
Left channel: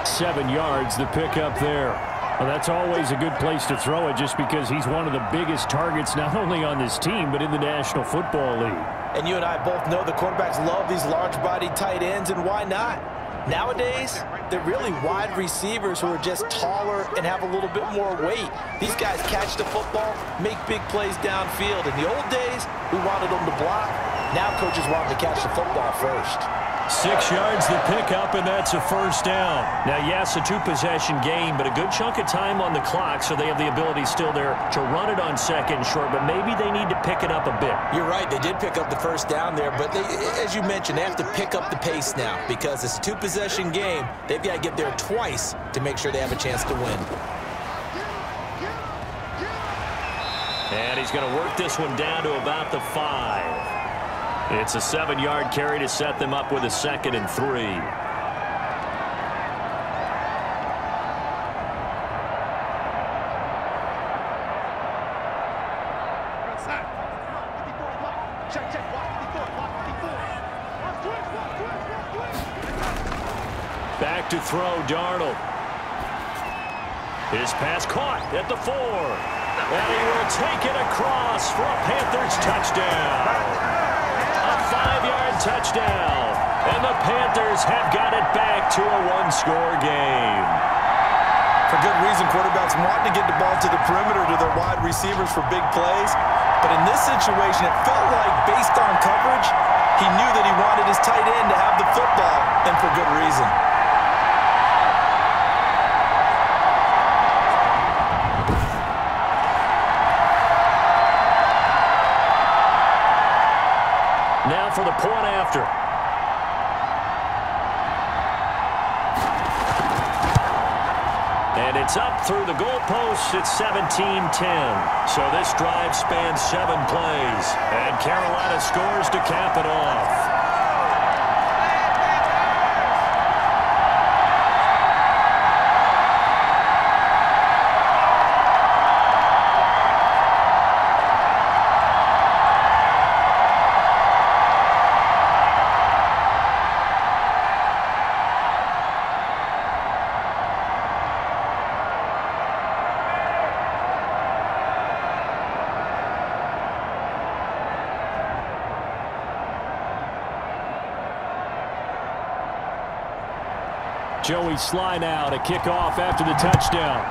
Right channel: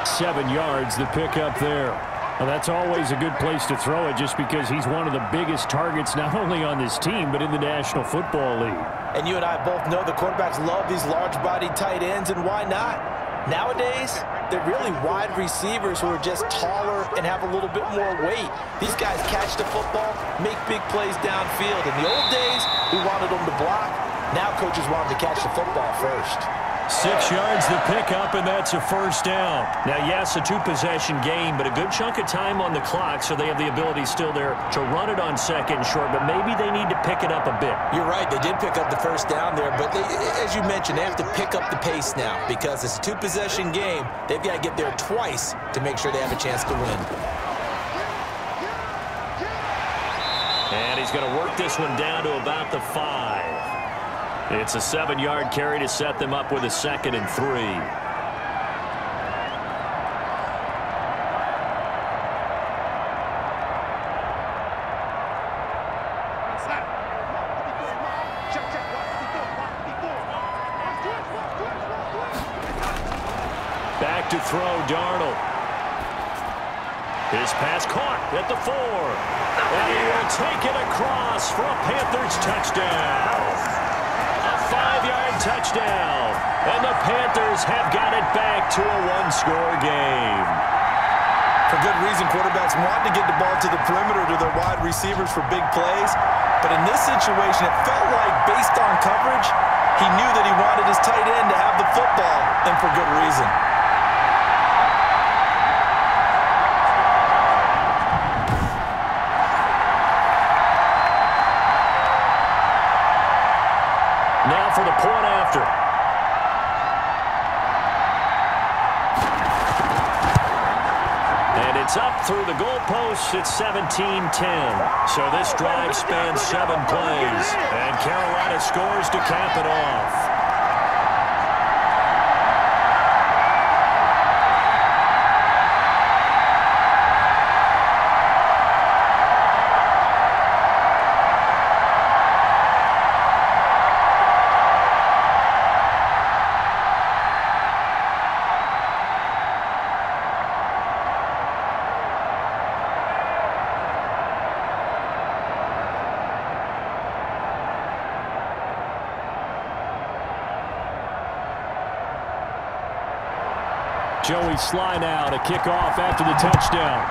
7 yards, the pickup there. Well, that's always a good place to throw it just because he's one of the biggest targets not only on this team but in the National Football League. And you and I both know the quarterbacks love these large-bodied tight ends, and why not? Nowadays, they're really wide receivers who are just taller and have a little bit more weight. These guys catch the football, make big plays downfield. In the old days, we wanted them to block. Now coaches want them to catch the football first. 6 yards the pickup, and that's a 1st down. Now, yes, a 2-possession game, but a good chunk of time on the clock, so they have the ability still there to run it on 2nd and short, but maybe they need to pick it up a bit. You're right. They did pick up the 1st down there, but they, as you mentioned, they have to pick up the pace now because it's a 2-possession game. They've got to get there twice to make sure they have a chance to win. And he's going to work this one down to about the 5. It's a 7-yard carry to set them up with a 2nd and 3. Back to throw, Darnold. His pass caught at the 4. And he will take it across for a Panthers touchdown. A 5-yard touchdown, and the Panthers have got it back to a 1-score game. For good reason, quarterbacks want to get the ball to the perimeter to their wide receivers for big plays. But in this situation, it felt like, based on coverage, he knew that he wanted his tight end to have the football, and for good reason. Now for the point after. And it's up through the goalposts. It's 17-10. So this drive spans 7 plays. And Carolina scores to cap it off. Joey Sly now to kick off after the touchdown.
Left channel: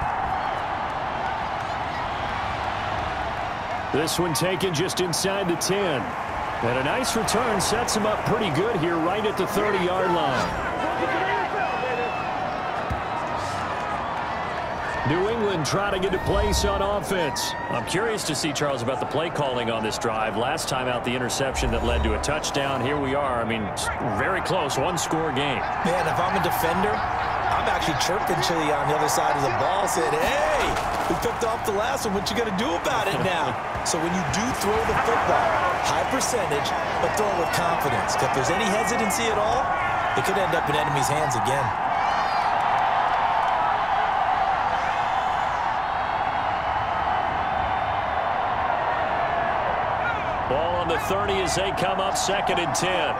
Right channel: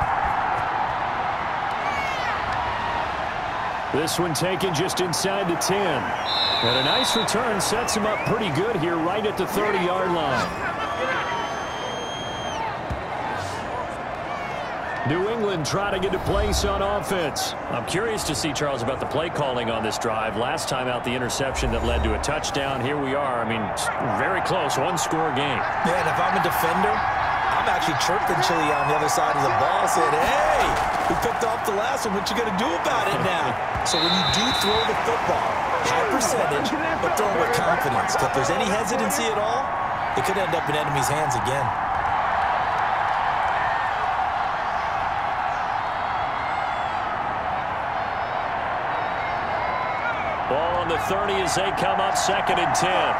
This one taken just inside the 10. And a nice return sets him up pretty good here right at the 30-yard line. New England trying to get a place on offense. I'm curious to see, Charles, about the play calling on this drive. Last time out, the interception that led to a touchdown. Here we are. I mean, very close, 1-score game. Man, if I'm a defender, I'm actually chirping Chili on the other side of the ball, saying, hey, we picked off the last one. What you going to do about it now? So when you do throw the football, high percentage, but throw it with confidence. If there's any hesitancy at all, it could end up in enemy's hands again. Ball on the 30 as they come up 2nd and 10.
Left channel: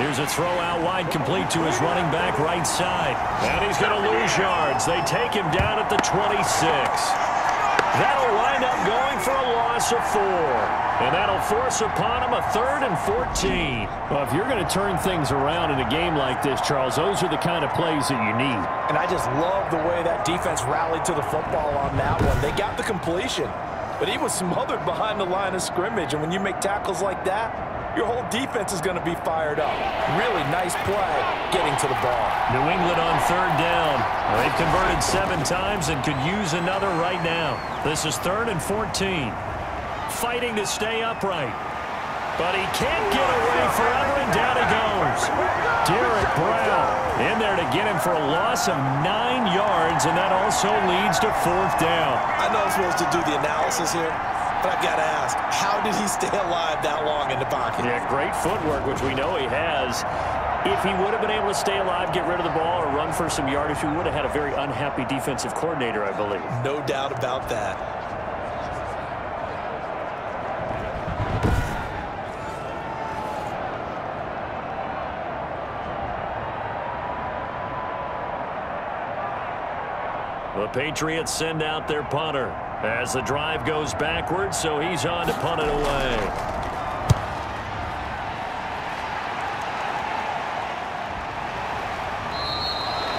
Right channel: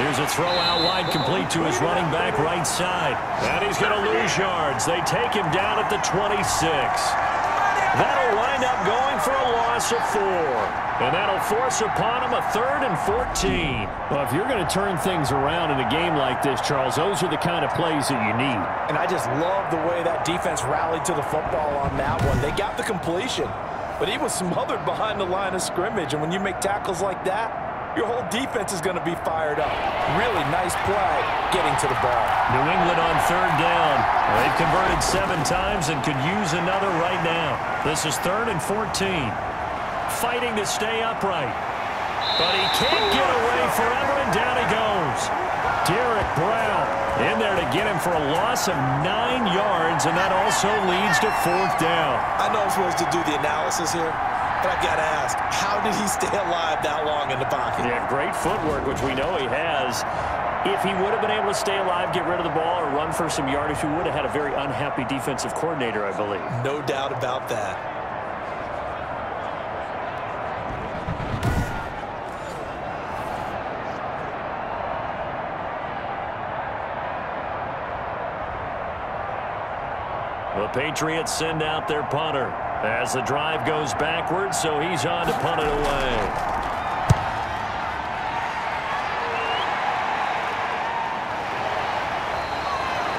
Here's a throw out wide, complete to his running back right side. And he's going to lose yards. They take him down at the 26. That'll wind up going for a loss of 4. And that'll force upon him a 3rd and 14. Well, if you're going to turn things around in a game like this, Charles, those are the kind of plays that you need. And I just love the way that defense rallied to the football on that one. They got the completion, but he was smothered behind the line of scrimmage. And when you make tackles like that, your whole defense is going to be fired up. Really nice play getting to the ball. New England on 3rd down. They've converted 7 times and could use another right now. This is 3rd and 14. Fighting to stay upright. But he can't get away forever, and down he goes. Derek Brown in there to get him for a loss of 9 yards, and that also leads to 4th down. I know I'm supposed to do the analysis here, but I've got to ask, how did he stay alive that long in the pocket? Yeah, great footwork, which we know he has. If he would have been able to stay alive, get rid of the ball, or run for some yardage, we would have had a very unhappy defensive coordinator, I believe. No doubt about that. The Patriots send out their punter as the drive goes backwards, so he's on to punt it away.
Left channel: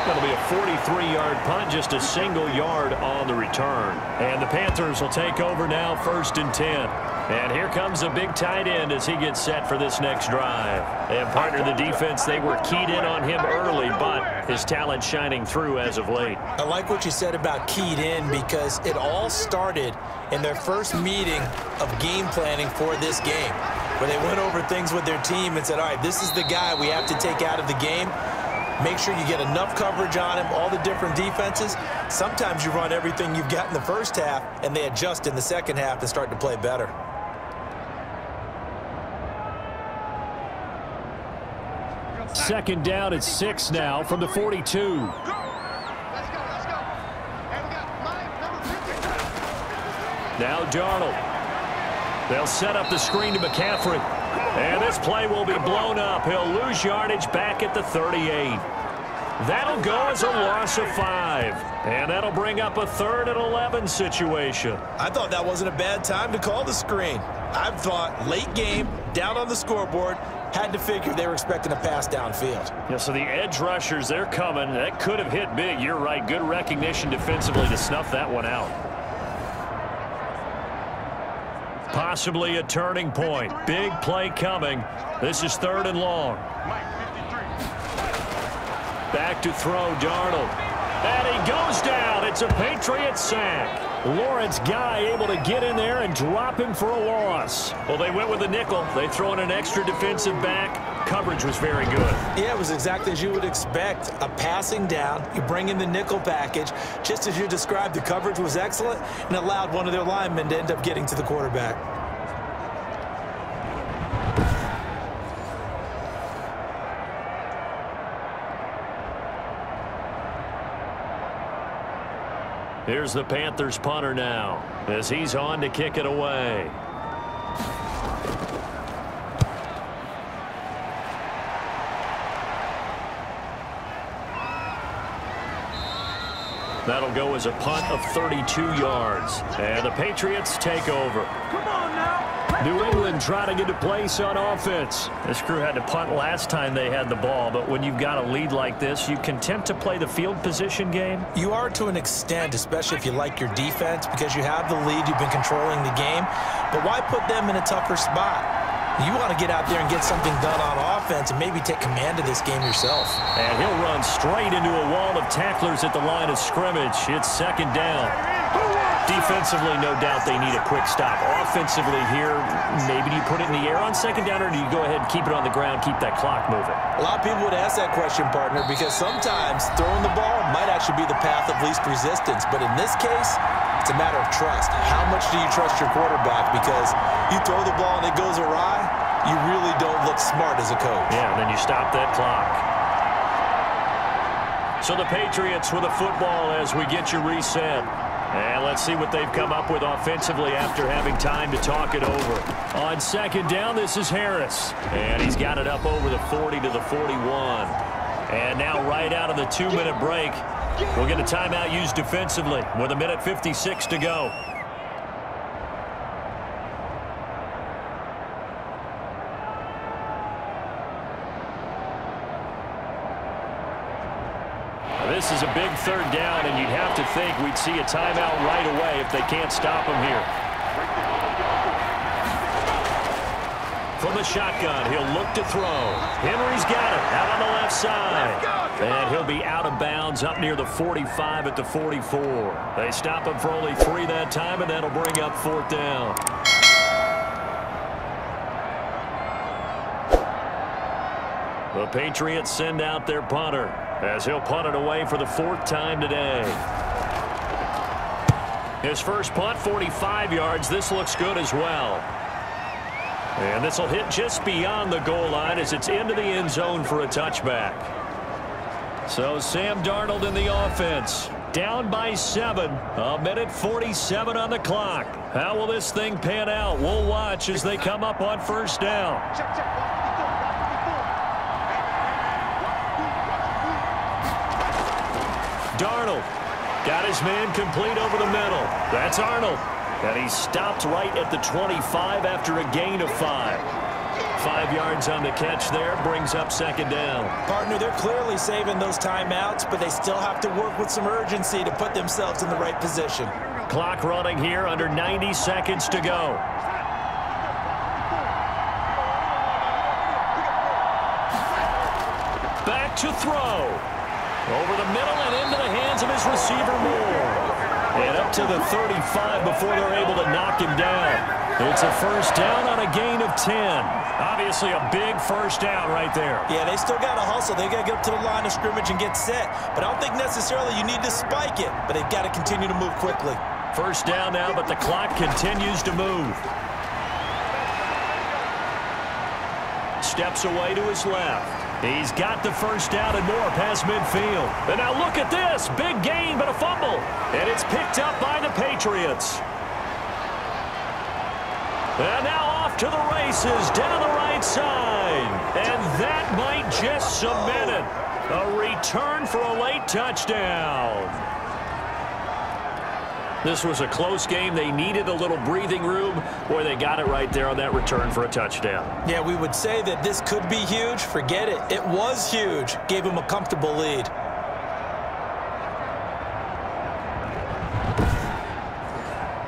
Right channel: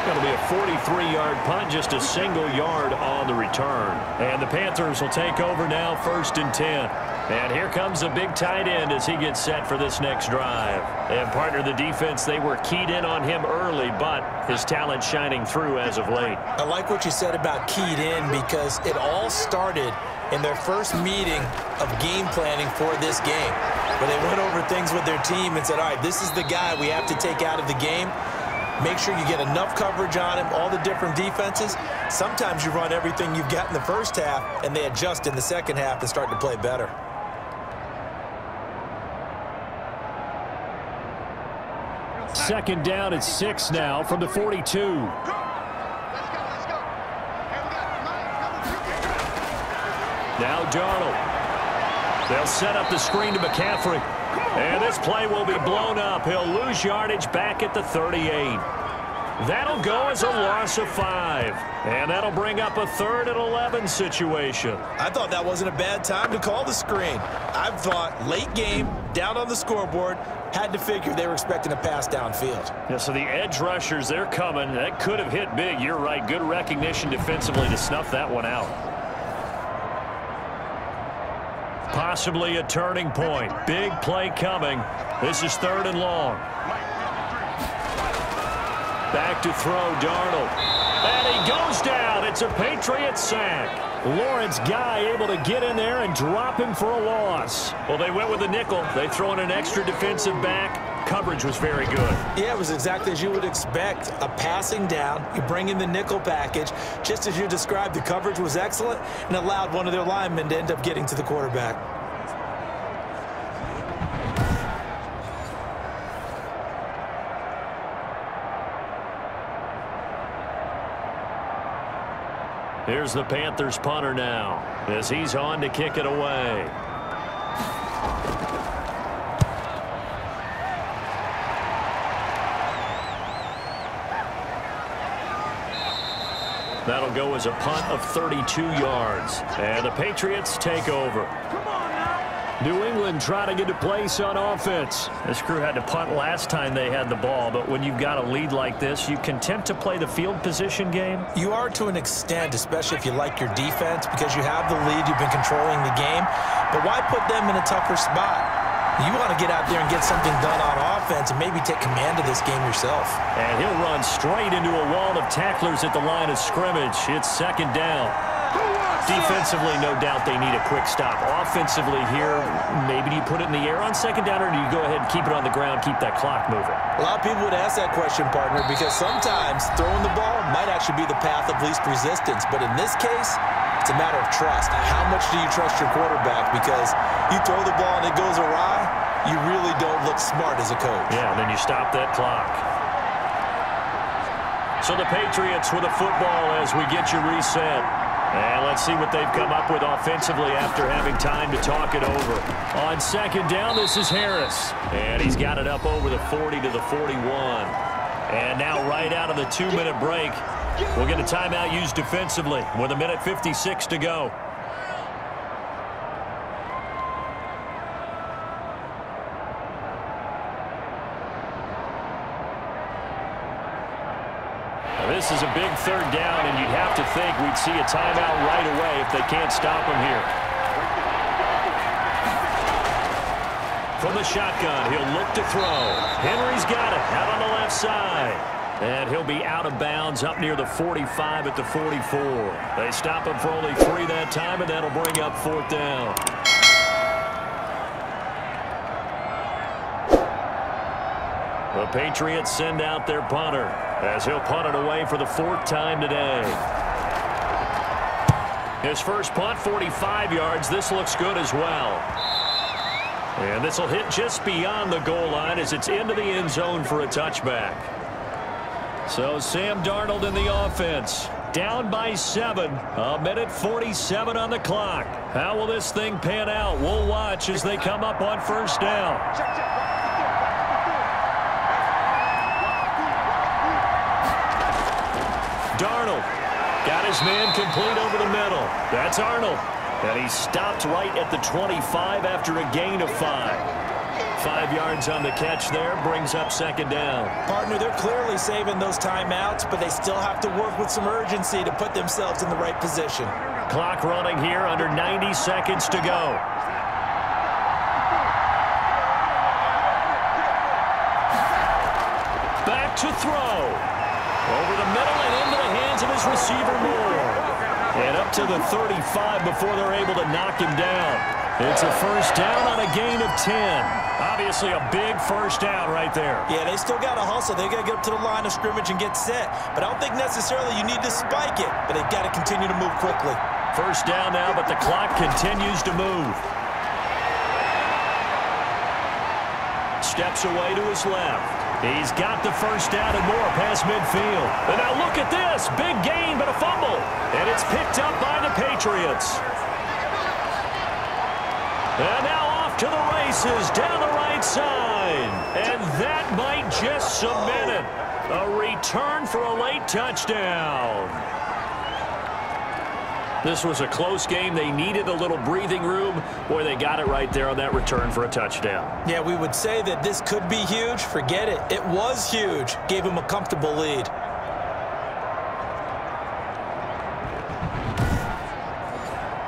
That'll be a 43-yard punt, just a single yard on the return. And the Panthers will take over now, 1st and 10. And here comes a big tight end as he gets set for this next drive. And partner, the defense, they were keyed in on him early, but his talent shining through as of late. I like what you said about keyed in, because it all started in their first meeting of game planning for this game, where they went over things with their team and said, all right, this is the guy we have to take out of the game. Make sure you get enough coverage on him, all the different defenses. Sometimes you run everything you've got in the first half, and they adjust in the second half and start to play better. Second down at 6 now from the 42. Let's go, let's go. And we got line number 50. Now Darnold. They'll set up the screen to McCaffrey. And this play will be blown up. He'll lose yardage back at the 38. That'll go as a loss of 5. And that'll bring up a 3rd and 11 situation. I thought that wasn't a bad time to call the screen. I thought late game, down on the scoreboard, had to figure they were expecting a pass downfield. Yeah, so the edge rushers, they're coming. That could have hit big. You're right. Good recognition defensively to snuff that one out. Possibly a turning point. Big play coming. This is 3rd and long. Back to throw, Darnold. And he goes down. It's a Patriot sack. Lawrence Guy able to get in there and drop him for a loss. Well, they went with a nickel. They throw in an extra defensive back. Coverage was very good. Yeah, it was exactly as you would expect. A passing down. You bring in the nickel package. Just as you described, the coverage was excellent and allowed one of their linemen to end up getting to the quarterback. Here's the Panthers punter now as he's on to kick it away. That'll go as a punt of 32 yards. And the Patriots take over. Come on now. New England trying to get a place on offense. This crew had to punt last time they had the ball, but when you've got a lead like this, you content to play the field position game? You are to an extent, especially if you like your defense, because you have the lead, you've been controlling the game. But why put them in a tougher spot? You want to get out there and get something done on offense and maybe take command of this game yourself. And he'll run straight into a wall of tacklers at the line of scrimmage. It's 2nd down. Defensively, no doubt they need a quick stop. Offensively here, maybe do you put it in the air on 2nd down, or do you go ahead and keep it on the ground, keep that clock moving? A lot of people would ask that question, partner, because sometimes throwing the ball might actually be the path of least resistance. But in this case, it's a matter of trust. How much do you trust your quarterback? Because you throw the ball and it goes awry, you really don't look smart as a coach. Yeah, and then you stop that clock. So the Patriots with a football as we get you reset. And let's see what they've come up with offensively after having time to talk it over. On second down, this is Harris. And he's got it up over the 40 to the 41. And now right out of the 2-minute break, we'll get a timeout used defensively with 1:56 to go. This is a big third down, and you'd have to think we'd see a timeout right away if they can't stop him here. From the shotgun, he'll look to throw. Henry's got it out on the left side. And he'll be out of bounds up near the 45 at the 44. They stop him for only 3 that time, and that'll bring up 4th down. The Patriots send out their punter as he'll punt it away for the 4th time today. His first punt, 45 yards. This looks good as well. And this will hit just beyond the goal line as it's into the end zone for a touchback. So Sam Darnold in the offense. Down by 7. 1:47 on the clock. How will this thing pan out? We'll watch as they come up on first down. Darnold got his man complete over the middle. That's Arnold. And he stopped right at the 25 after a gain of 5. 5 yards on the catch there, brings up second down. Partner, they're clearly saving those timeouts, but they still have to work with some urgency to put themselves in the right position. Clock running here, under 90 seconds to go. Back to throw. Over the middle and into the hands of his receiver Moore. And up to the 35 before they're able to knock him down. It's a first down on a gain of 10. Obviously a big first down right there. Yeah, they still got to hustle. They got to get up to the line of scrimmage and get set. But I don't think necessarily you need to spike it. But they've got to continue to move quickly. First down now, but the clock continues to move. Steps away to his left. He's got the first down and more past midfield. And now look at this. Big gain, but a fumble. And it's picked up by the Patriots. And now off to the races down the right side. And that might just cement it. A return for a late touchdown. This was a close game. They needed a little breathing room. Boy, they got it right there on that return for a touchdown. Yeah, we would say that this could be huge. Forget it. It was huge. Gave him a comfortable lead.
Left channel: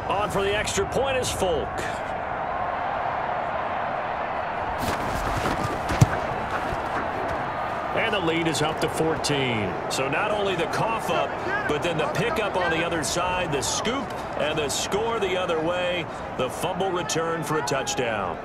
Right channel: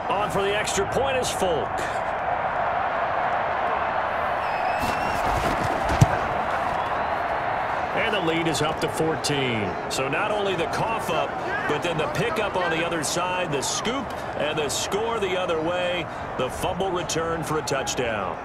On for the extra point is Folk. And the lead is up to 14. So not only the cough up, but then the pickup on the other side, the scoop, and the score the other way. The fumble return for a touchdown.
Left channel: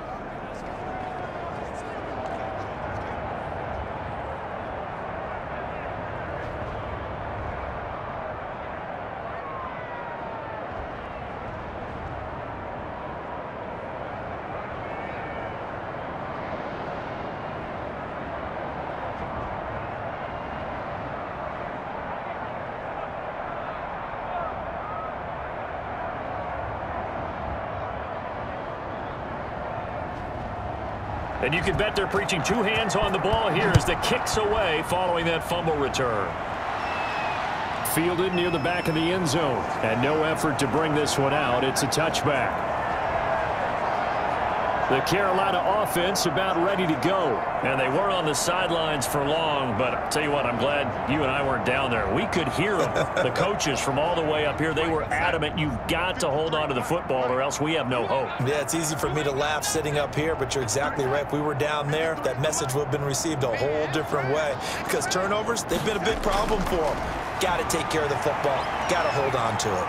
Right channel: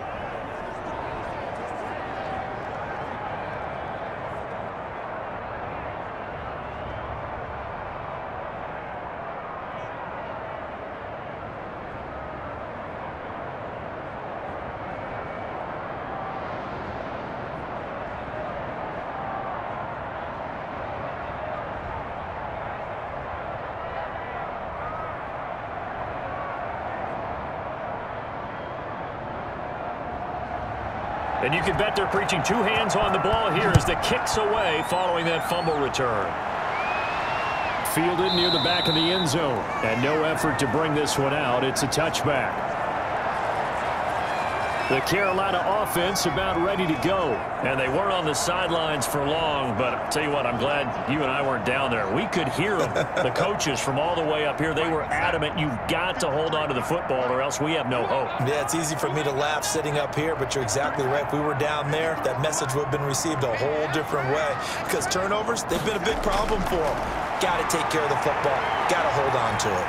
And you can bet they're preaching 2 hands on the ball here as the kick's away following that fumble return. Fielded near the back of the end zone. And no effort to bring this one out. It's a touchback. The Carolina offense about ready to go. And they were on the sidelines for long, but I'll tell you what, I'm glad you and I weren't down there. We could hear them, the coaches from all the way up here. They were adamant, you've got to hold on to the football or else we have no hope. Yeah, it's easy for me to laugh sitting up here, but you're exactly right. If we were down there, that message would have been received a whole different way. Because turnovers, they've been a big problem for them. Got to take care of the football. Got to hold on to it.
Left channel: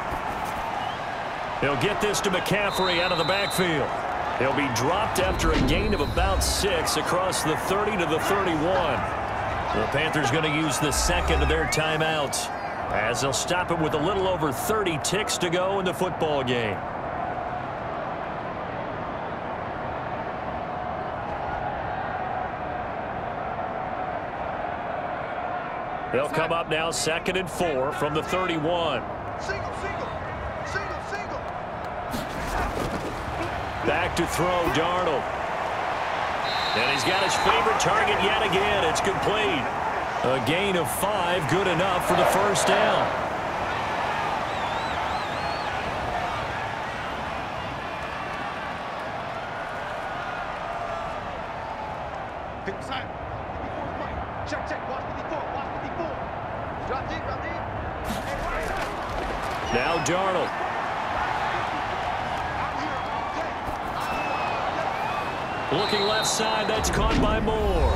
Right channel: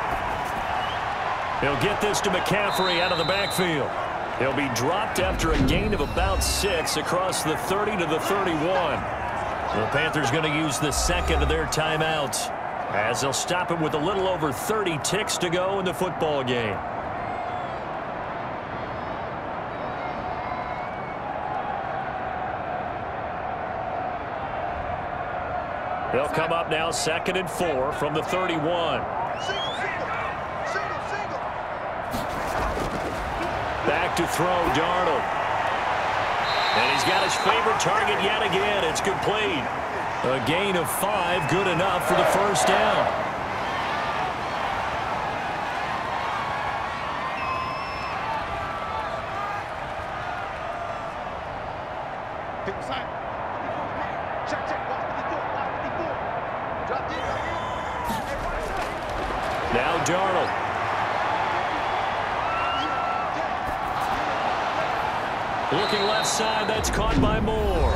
He'll get this to McCaffrey out of the backfield. He'll be dropped after a gain of about 6 across the 30 to the 31. The Panthers going to use the second of their timeouts as they'll stop him with a little over 30 ticks to go in the football game. They'll come up now 2nd and 4 from the 31. Back to throw, Darnold. And he's got his favorite target yet again. It's complete. A gain of 5, good enough for the first down. Inside. 54 is mine. Check. Watch 54. Drop deep. Now Darnold. Looking left side, that's caught by Moore.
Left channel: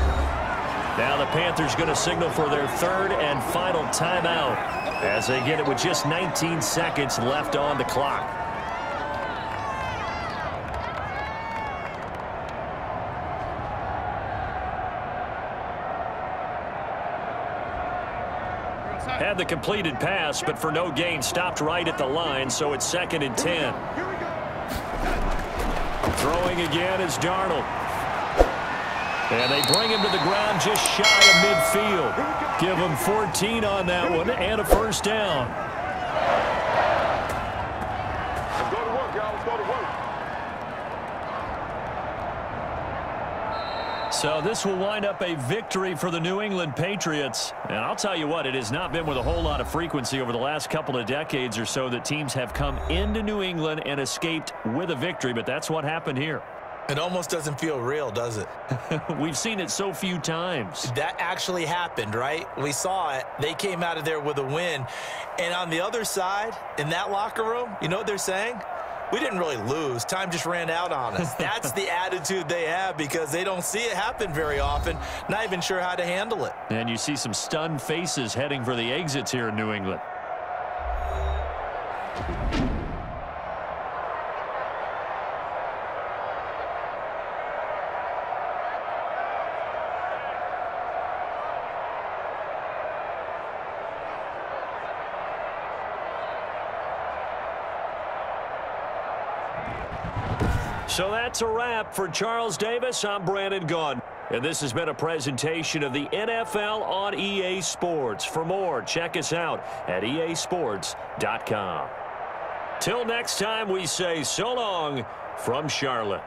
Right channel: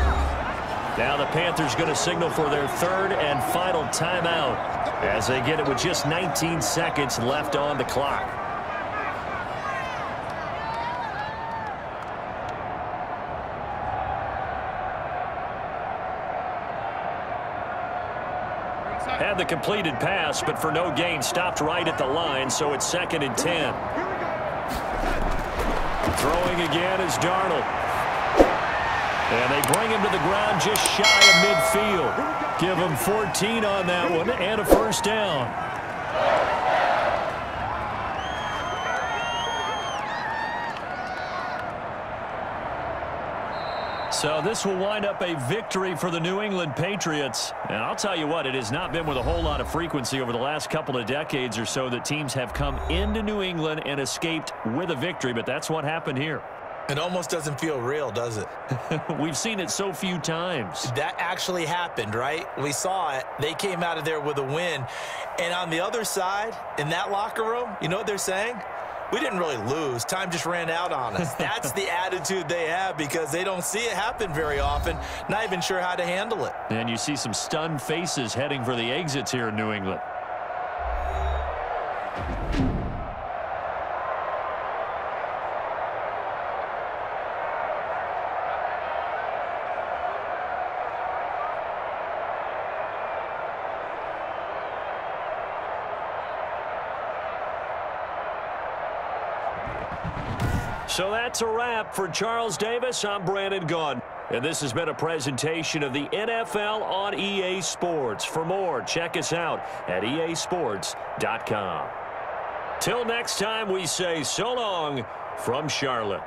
Now the Panthers going to signal for their third and final timeout as they get it with just 19 seconds left on the clock. Had the completed pass, but for no gain, stopped right at the line, so it's 2nd and 10. Throwing again is Darnold. And they bring him to the ground just shy of midfield. Give him 14 on that one and a first down. So this will wind up a victory for the New England Patriots. And I'll tell you what, it has not been with a whole lot of frequency over the last couple of decades or so that teams have come into New England and escaped with a victory, but that's what happened here. It almost doesn't feel real, does it? We've seen it so few times. That actually happened, right? We saw it. They came out of there with a win. And on the other side, in that locker room, you know what they're saying? We didn't really lose. Time just ran out on us. That's the attitude they have because they don't see it happen very often, not even sure how to handle it. And you see some stunned faces heading for the exits here in New England. So that's a wrap for Charles Davis. I'm Brandon Gaudin. And this has been a presentation of the NFL on EA Sports. For more, check us out at easports.com. Till next time, we say so long from Charlotte.